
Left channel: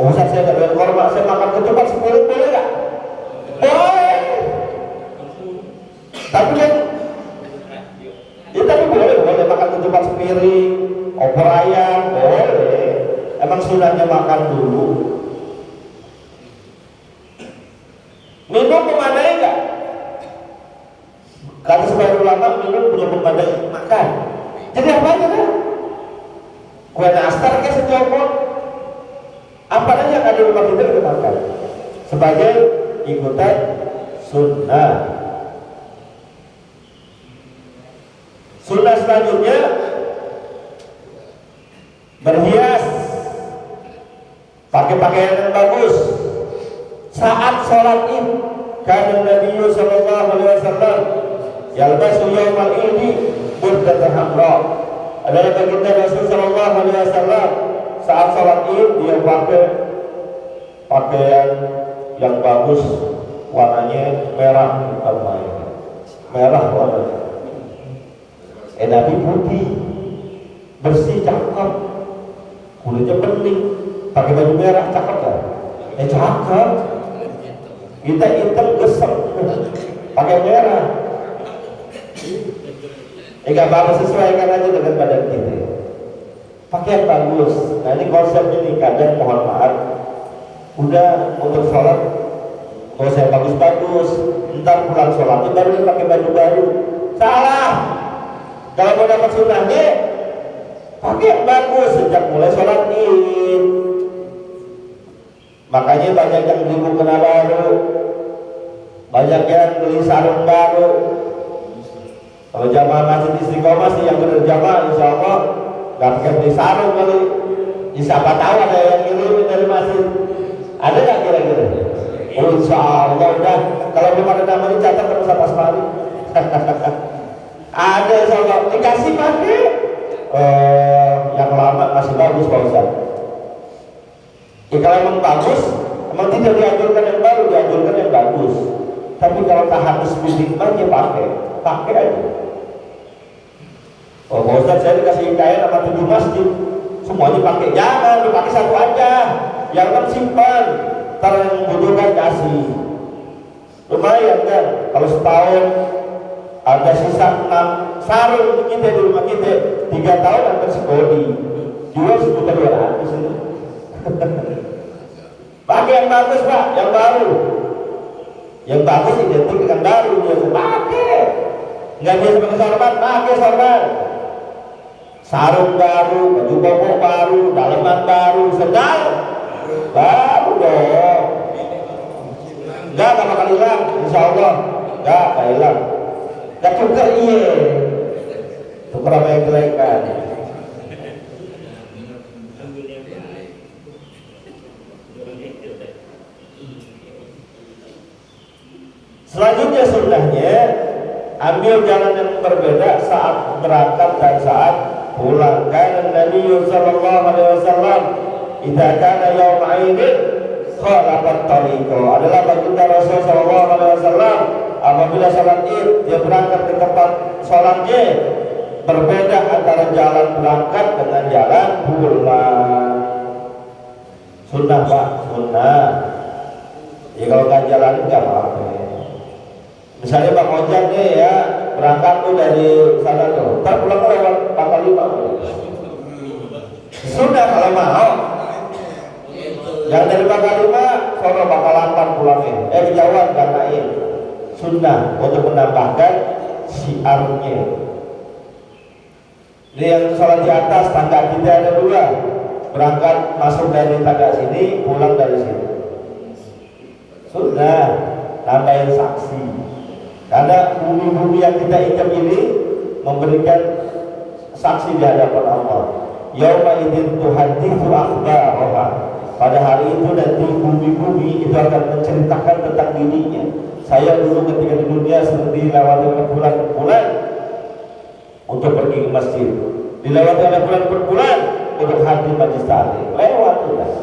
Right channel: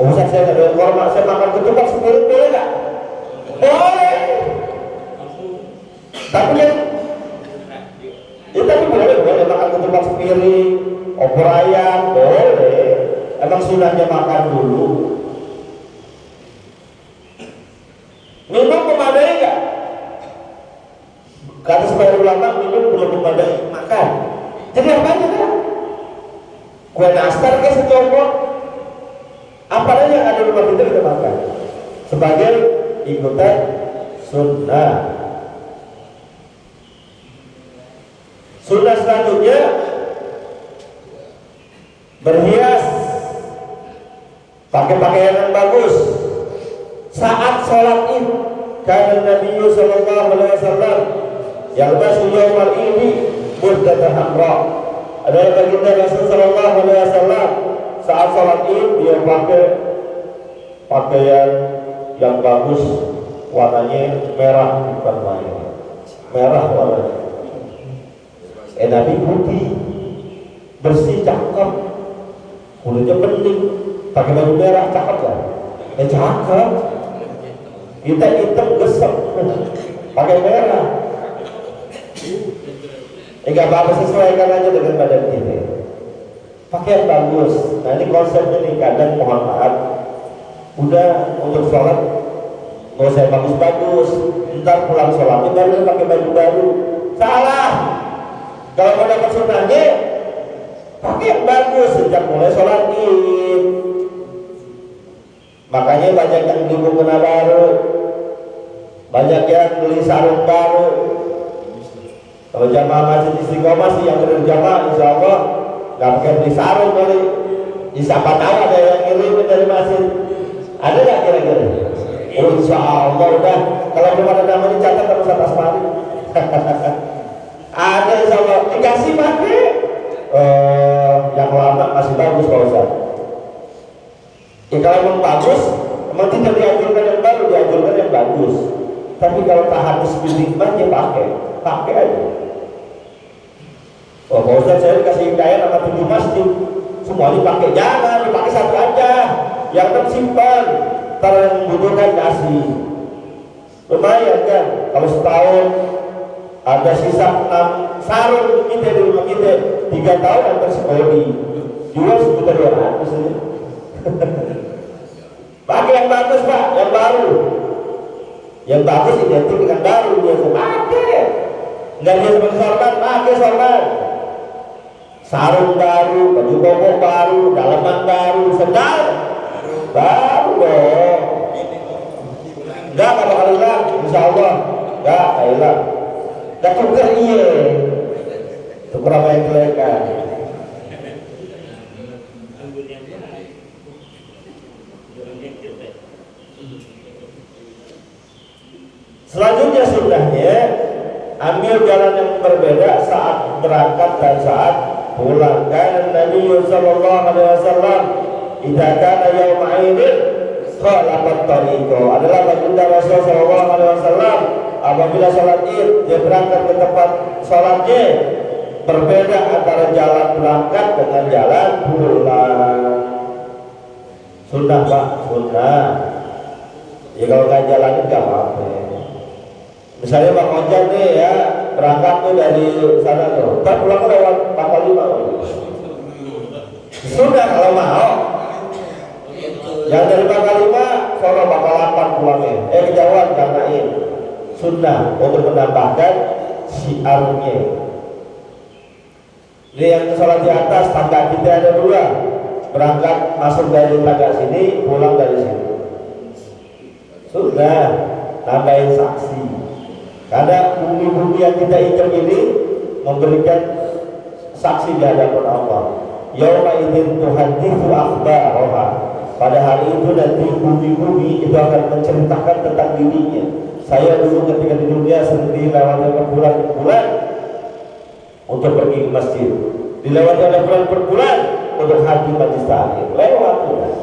Ustaz saya nggak doyan korma, saya makan ketupat sepiring boleh nggak? Boleh. Tapi kan, ya tapi boleh makan ketupat sepiring, opor ayam, boleh. Emang sunahnya makan dulu. Minum memadai nggak? Kata sebagian ulama minum belum memadai makan. Jadi apanya kan? Kue nastar kayak setopok. Apa aja yang ada di rumah kita kita makan. Sebagai ikutan sunnah. Sunnah selanjutnya berhias, pakai pakaian yang bagus saat sholat id. Karena Nabi Sallallahu Alaihi Wasallam yalbasu yawmal idi burdatan hamra. Adalah baginda Rasul Sallallahu Alaihi Wasallam saat sholat id dia pakai pakaian yang bagus, warnanya merah, bukan merah warnanya. Nabi putih, bersih, cakep, kulitnya bening, pakai baju merah, cakep kan? Cakep. Kita hitam gesek, pakai merah. Enggak apa-apa, sesuaikan aja dengan badan kita. Pakai yang bagus. Nah ini konsepnya nih, kadang mohon maaf, udah untuk sholat, mau saya bagus-bagus, ntar pulang sholatnya baru pakai baju baru. Salah. Kalau mau dapat sunnahnya, pakai yang bagus sejak mulai sholat id. Makanya banyak yang beli mukena baru, banyak yang beli sarung baru. Kalau jamaah masjid Istiqomah sih yang benar jamaah, insya Allah nggak pakai beli sarung kali. Siapa tahu ada yang ngirimin dari masjid. Ada nggak kira-kira? Insya Allah udah. Kalau belum ada namanya catat terus atas mari. Ada insya Allah dikasih pakai yang lama masih bagus Pak Ustaz. Kalau emang bagus, memang tidak dianjurkan yang baru, dianjurkan yang bagus. Tapi kalau tahan bismillahnya pakai aja. Oh Pak Ustaz, saya dikasih kain sama 7 masjid, semuanya pakai. Jangan, pakai 1 aja. Yang kan simpan, ntar yang membutuhkan kasih. Lumayan kan, kalau setahun ada sisa 6 sarung untuk kita di rumah kita, 3 tahun akan sekali jual 1.200.000 saja. Pakai yang bagus Pak, yang baru. Yang bagus identik dengan baru, dia pakai. Nggak bisa pakai sorban, pakai sorban. Sarung baru, baju koko baru, dalaman baru, sendal baru dong. Enggak kalau hilang, insya Allah enggak hilang. Gak tuker iya, tuker apa yang kelaikan. Selanjutnya sunnahnya ambil jalan yang berbeda saat berangkat dan saat pulang. Karena Nabi Sallallahu Alaihi Wasallam idza kana yauma idin khalaqa tariqa. Sunnah Pak, sunnah. Ya kalau nggak jalanin nggak apa-apa. Misalnya Bang Ojek nih ya berangkat tuh dari sana tuh, ntar pulang lewat 45. Sudah kalau mau. Yang dari Bangka 5 sono Bangka 8 pulangnya. Dari Jawa karena sunnah untuk menambahkan syiarnya. Ini yang sholat di atas tangga kita ada 2, berangkat masuk dari tangga sini, pulang dari sini. Sudah tambahin saksi. Karena bumi-bumi yang kita injak ini memberikan saksi di hadapan Allah. Yauma idzin tuhadditsu akhbaraha. Pada hari itu nanti bumi-bumi itu akan menceritakan tentang dirinya. Saya dulu ketika di dunia sendiri lewati berbulan-bulan untuk pergi ke masjid, dilewati oleh bulan-bulan untuk hadir majelis taklim. Lewat sudah.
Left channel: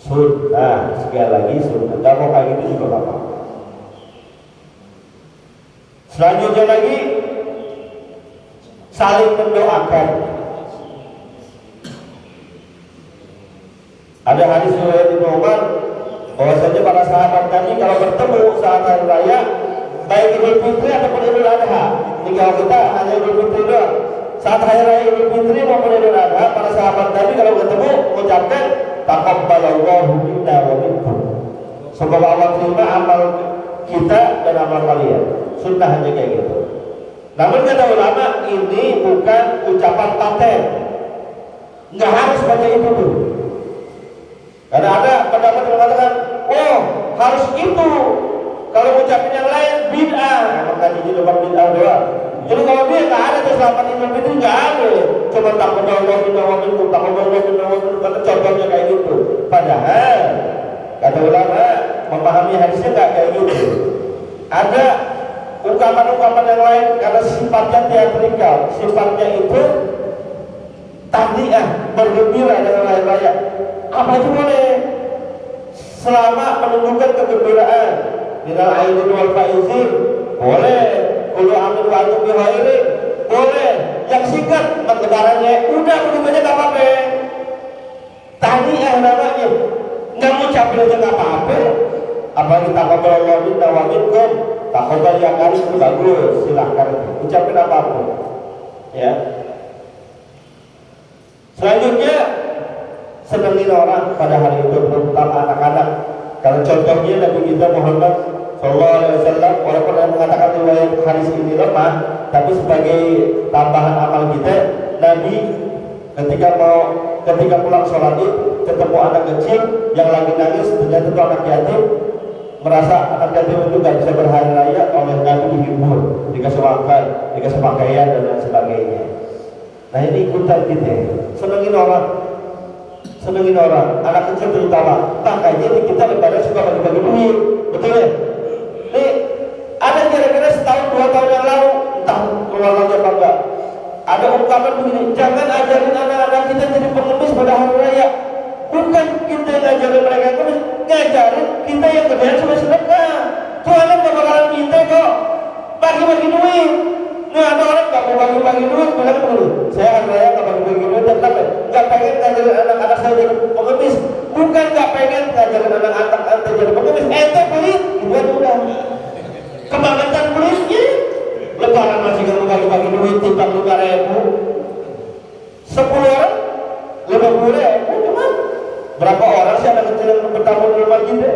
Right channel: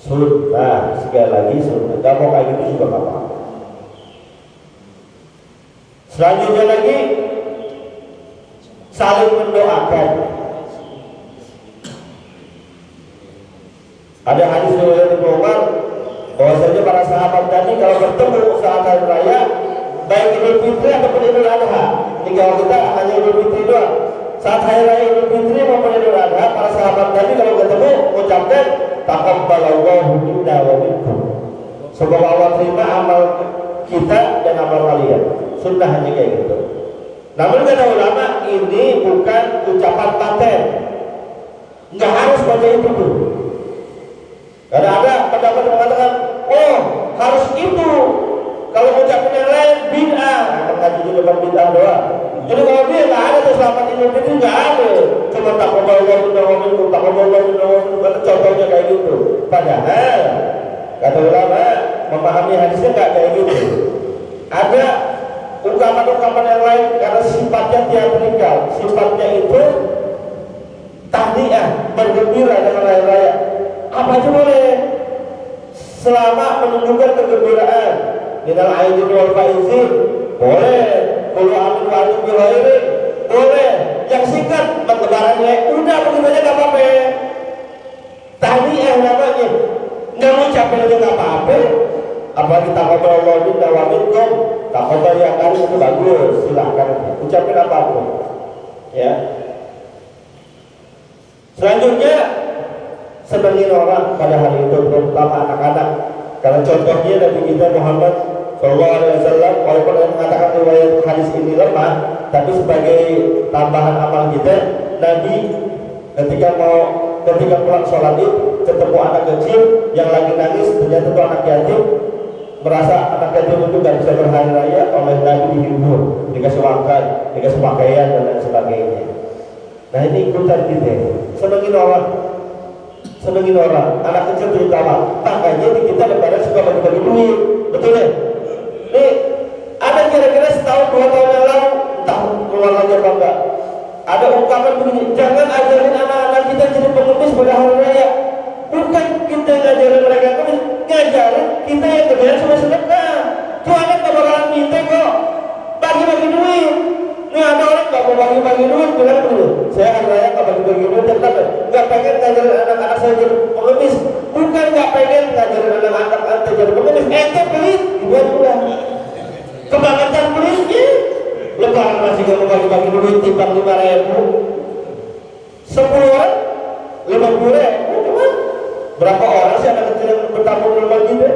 Sudah sekali lagi sudah. Gak mau kayak gitu juga apa. Selanjutnya lagi saling mendoakan. Ada hadis riwayat Ibnu Umar bahwasanya para sahabat tadi kalau bertemu saat hari raya baik Idul Fitri ataupun Idul Adha, jika kita hanya Idul Fitri doang, saat hari raya Idul Fitri maupun Idul Adha, para sahabat tadi kalau bertemu mengucapkan taqabbalallahu minna wa minkum. Semoga Allah terima amal kita dan amal kalian. Sunnah hanya kayak gitu. Namun kata ulama ini bukan ucapan paten. Nggak harus pakai itu tuh. Karena ada pendapat yang mengatakan, oh harus itu. Kalau ngucapin yang lain bid'ah. Tadi juga bid'ah doang. Jadi kalau dia nggak ada tuh selamat Idul Fitri nggak ada. Cuma taqabbalallahu minna wa minkum, taqabbalallahu minna wa minkum. Karena contohnya kayak gitu. Padahal kata ulama memahami hadisnya nggak kayak gitu. Ada ungkapan-ungkapan yang lain karena sifatnya teatrikal, sifatnya itu tahniah, bergembira dengan raya-raya. Apa aja boleh selama menunjukkan kegembiraan. Minal aidin wal faizin boleh, qul amin wa antum bi khairin boleh. Yang singkat empat lebarannya udah begitu aja enggak apa-apa. Tahniah namanya. Enggak mau capek itu enggak apa-apa. Apalagi taqabbalallahu minna wa minkum. Taqabbal yang kali itu bagus, silakan ucapin apapun. Ya. Selanjutnya senangin orang pada hari itu terutama anak-anak. Karena contohnya Nabi kita Muhammad SAW walaupun yang mengatakan riwayat hadis ini lemah, tapi sebagai tambahan amal kita, Nabi ketika pulang sholat id ketemu anak kecil yang lagi nangis, ternyata itu anak yatim, merasa anak yatim itu gak bisa berhari raya, oleh Nabi dihibur, dikasih makan, dikasih pakaian dan lain sebagainya. Nah ini ikutan kita, senangin orang, anak kecil terutama. Makanya di kita lebaran suka bagi-bagi duit, betul ya? Nih, ada kira-kira setahun 2 tahun yang lalu, entah keluarganya apa enggak, ada ungkapan begini, jangan ajarin anak-anak kita jadi pengemis pada hari raya. Bukan kita ngajarin mereka pengemis, ngajarin kita yang kerjaan cuma sedekah. Tuh anak gak bakalan minta kok bagi-bagi duit. Nih ada orang gak mau bagi-bagi duit, bilang dulu, saya hari raya gak bagi-bagi duit, kenapa? Gak pengen ngajarin anak-anak saya jadi pengemis. Bukan gak pengen ngajarin anak-anak anda jadi pengemis, ente pelit, itu aja udah. Kebangetan pelitnya. Lebaran masih gak mau bagi-bagi duit, timbang 5.000 10 orang 50.000, gimana? Berapa orang sih anak kecil yang bertamu di rumah kita?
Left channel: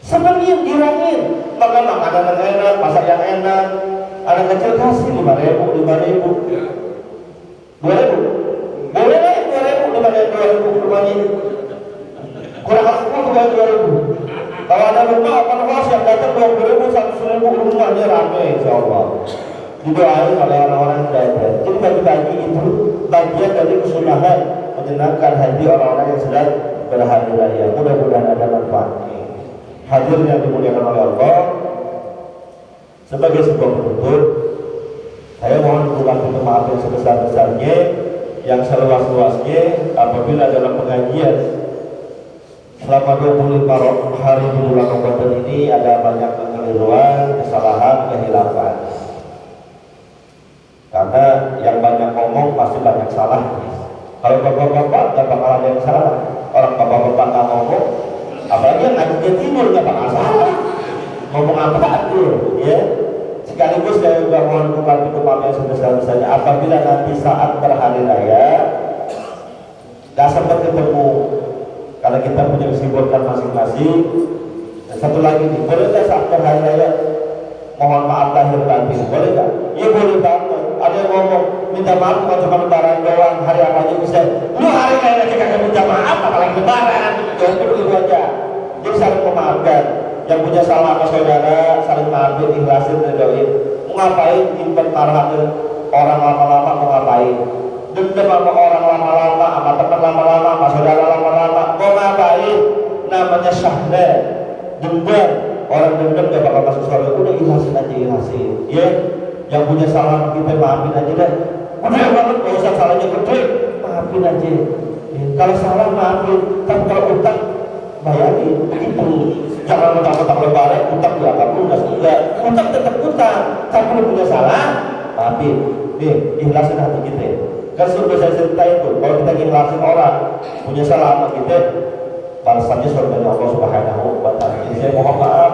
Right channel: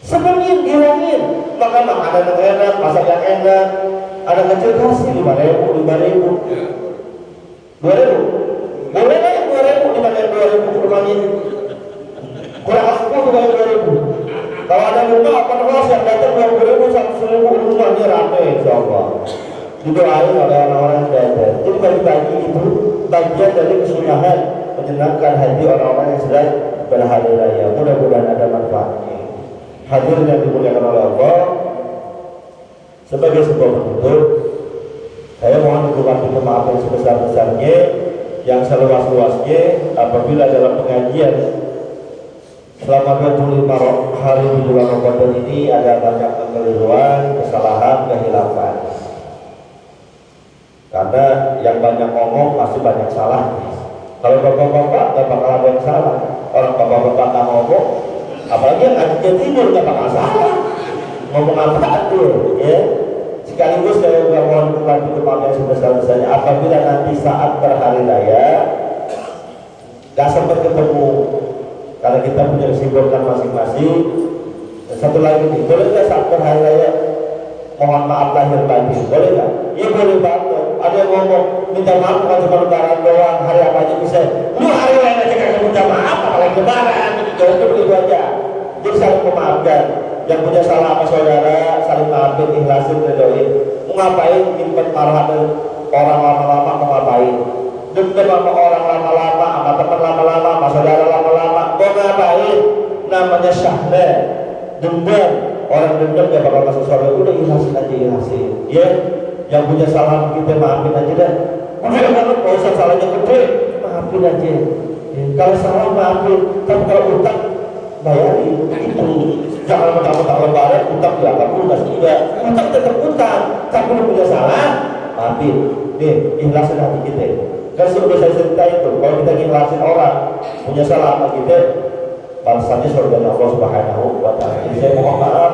Senengin, girangin, makan makanan yang enak, masak yang enak. Anak kecil kasih 5.000 2.000 boleh lah yang 2.000 dibanding 2.000 ke rumahnya. Kurang aku juga 2.000. Kalau ada rumah penwas yang datang 20.000 100.000 rumahnya rame, insyaallah. Didoain oleh orang-orang yang datang. Jadi bagi-bagi itu bagian dari kesunahan menyenangkan hati orang-orang yang sedang berhari raya. Mudah-mudahan ada manfaatnya. Hadirin yang dimuliakan oleh Allah, sebagai sebuah penutup, saya mohon dimaafkan maaf yang sebesar-besarnya, yang seluas-luasnya apabila dalam pengajian selama 25 hari di bulan Ramadan ini ada banyak kekeliruan, kesalahan, kehilapan. Karena yang banyak ngomong pasti banyak salah. Kalau bapak-bapak gak bakal ada yang salah. nggak sempat ketemu karena kita punya kesibukan masing-masing. Dan satu lagi nih, boleh nggak sampai hari raya mohon maaf lahir batin, boleh nggak? Iya boleh banget. Ada yang ngomong minta maaf kalau cuma lebaran doang, hari apa aja bisa. Lu hari lain aja kagak minta maaf, apalagi lebaran. Itu aja. Jadi saling memaafkan. Yang punya salah sama saudara saling maafin, ikhlasin, redoin. Mau ngapain nyimpen marah orang lama-lama, mau ngapain? Dendam sama orang lama-lama, sama teman lama-lama, sama saudara lama-lama, mau ngapain? Namanya syahna. Dendam, orang dendam gak bakal masuk surga. Udah ikhlasin aja, ikhlasin. Ya, yang punya salah kita maafin aja dah. Udah banget, gak usah salahnya gede, maafin aja. Kalau salah maafin, tapi kalau utang bayarin. Jangan utang lebaran, utang gak apa lunas enggak. Utang tetap utang, tapi lu punya salah, maafin. Nih, ikhlasin hati kita. Kan sudah saya ceritain tuh, kalau kita ikhlasin orang punya salah hati kita, balasannya surga Allah Subhanahu wa Ta'ala. Saya mohon maaf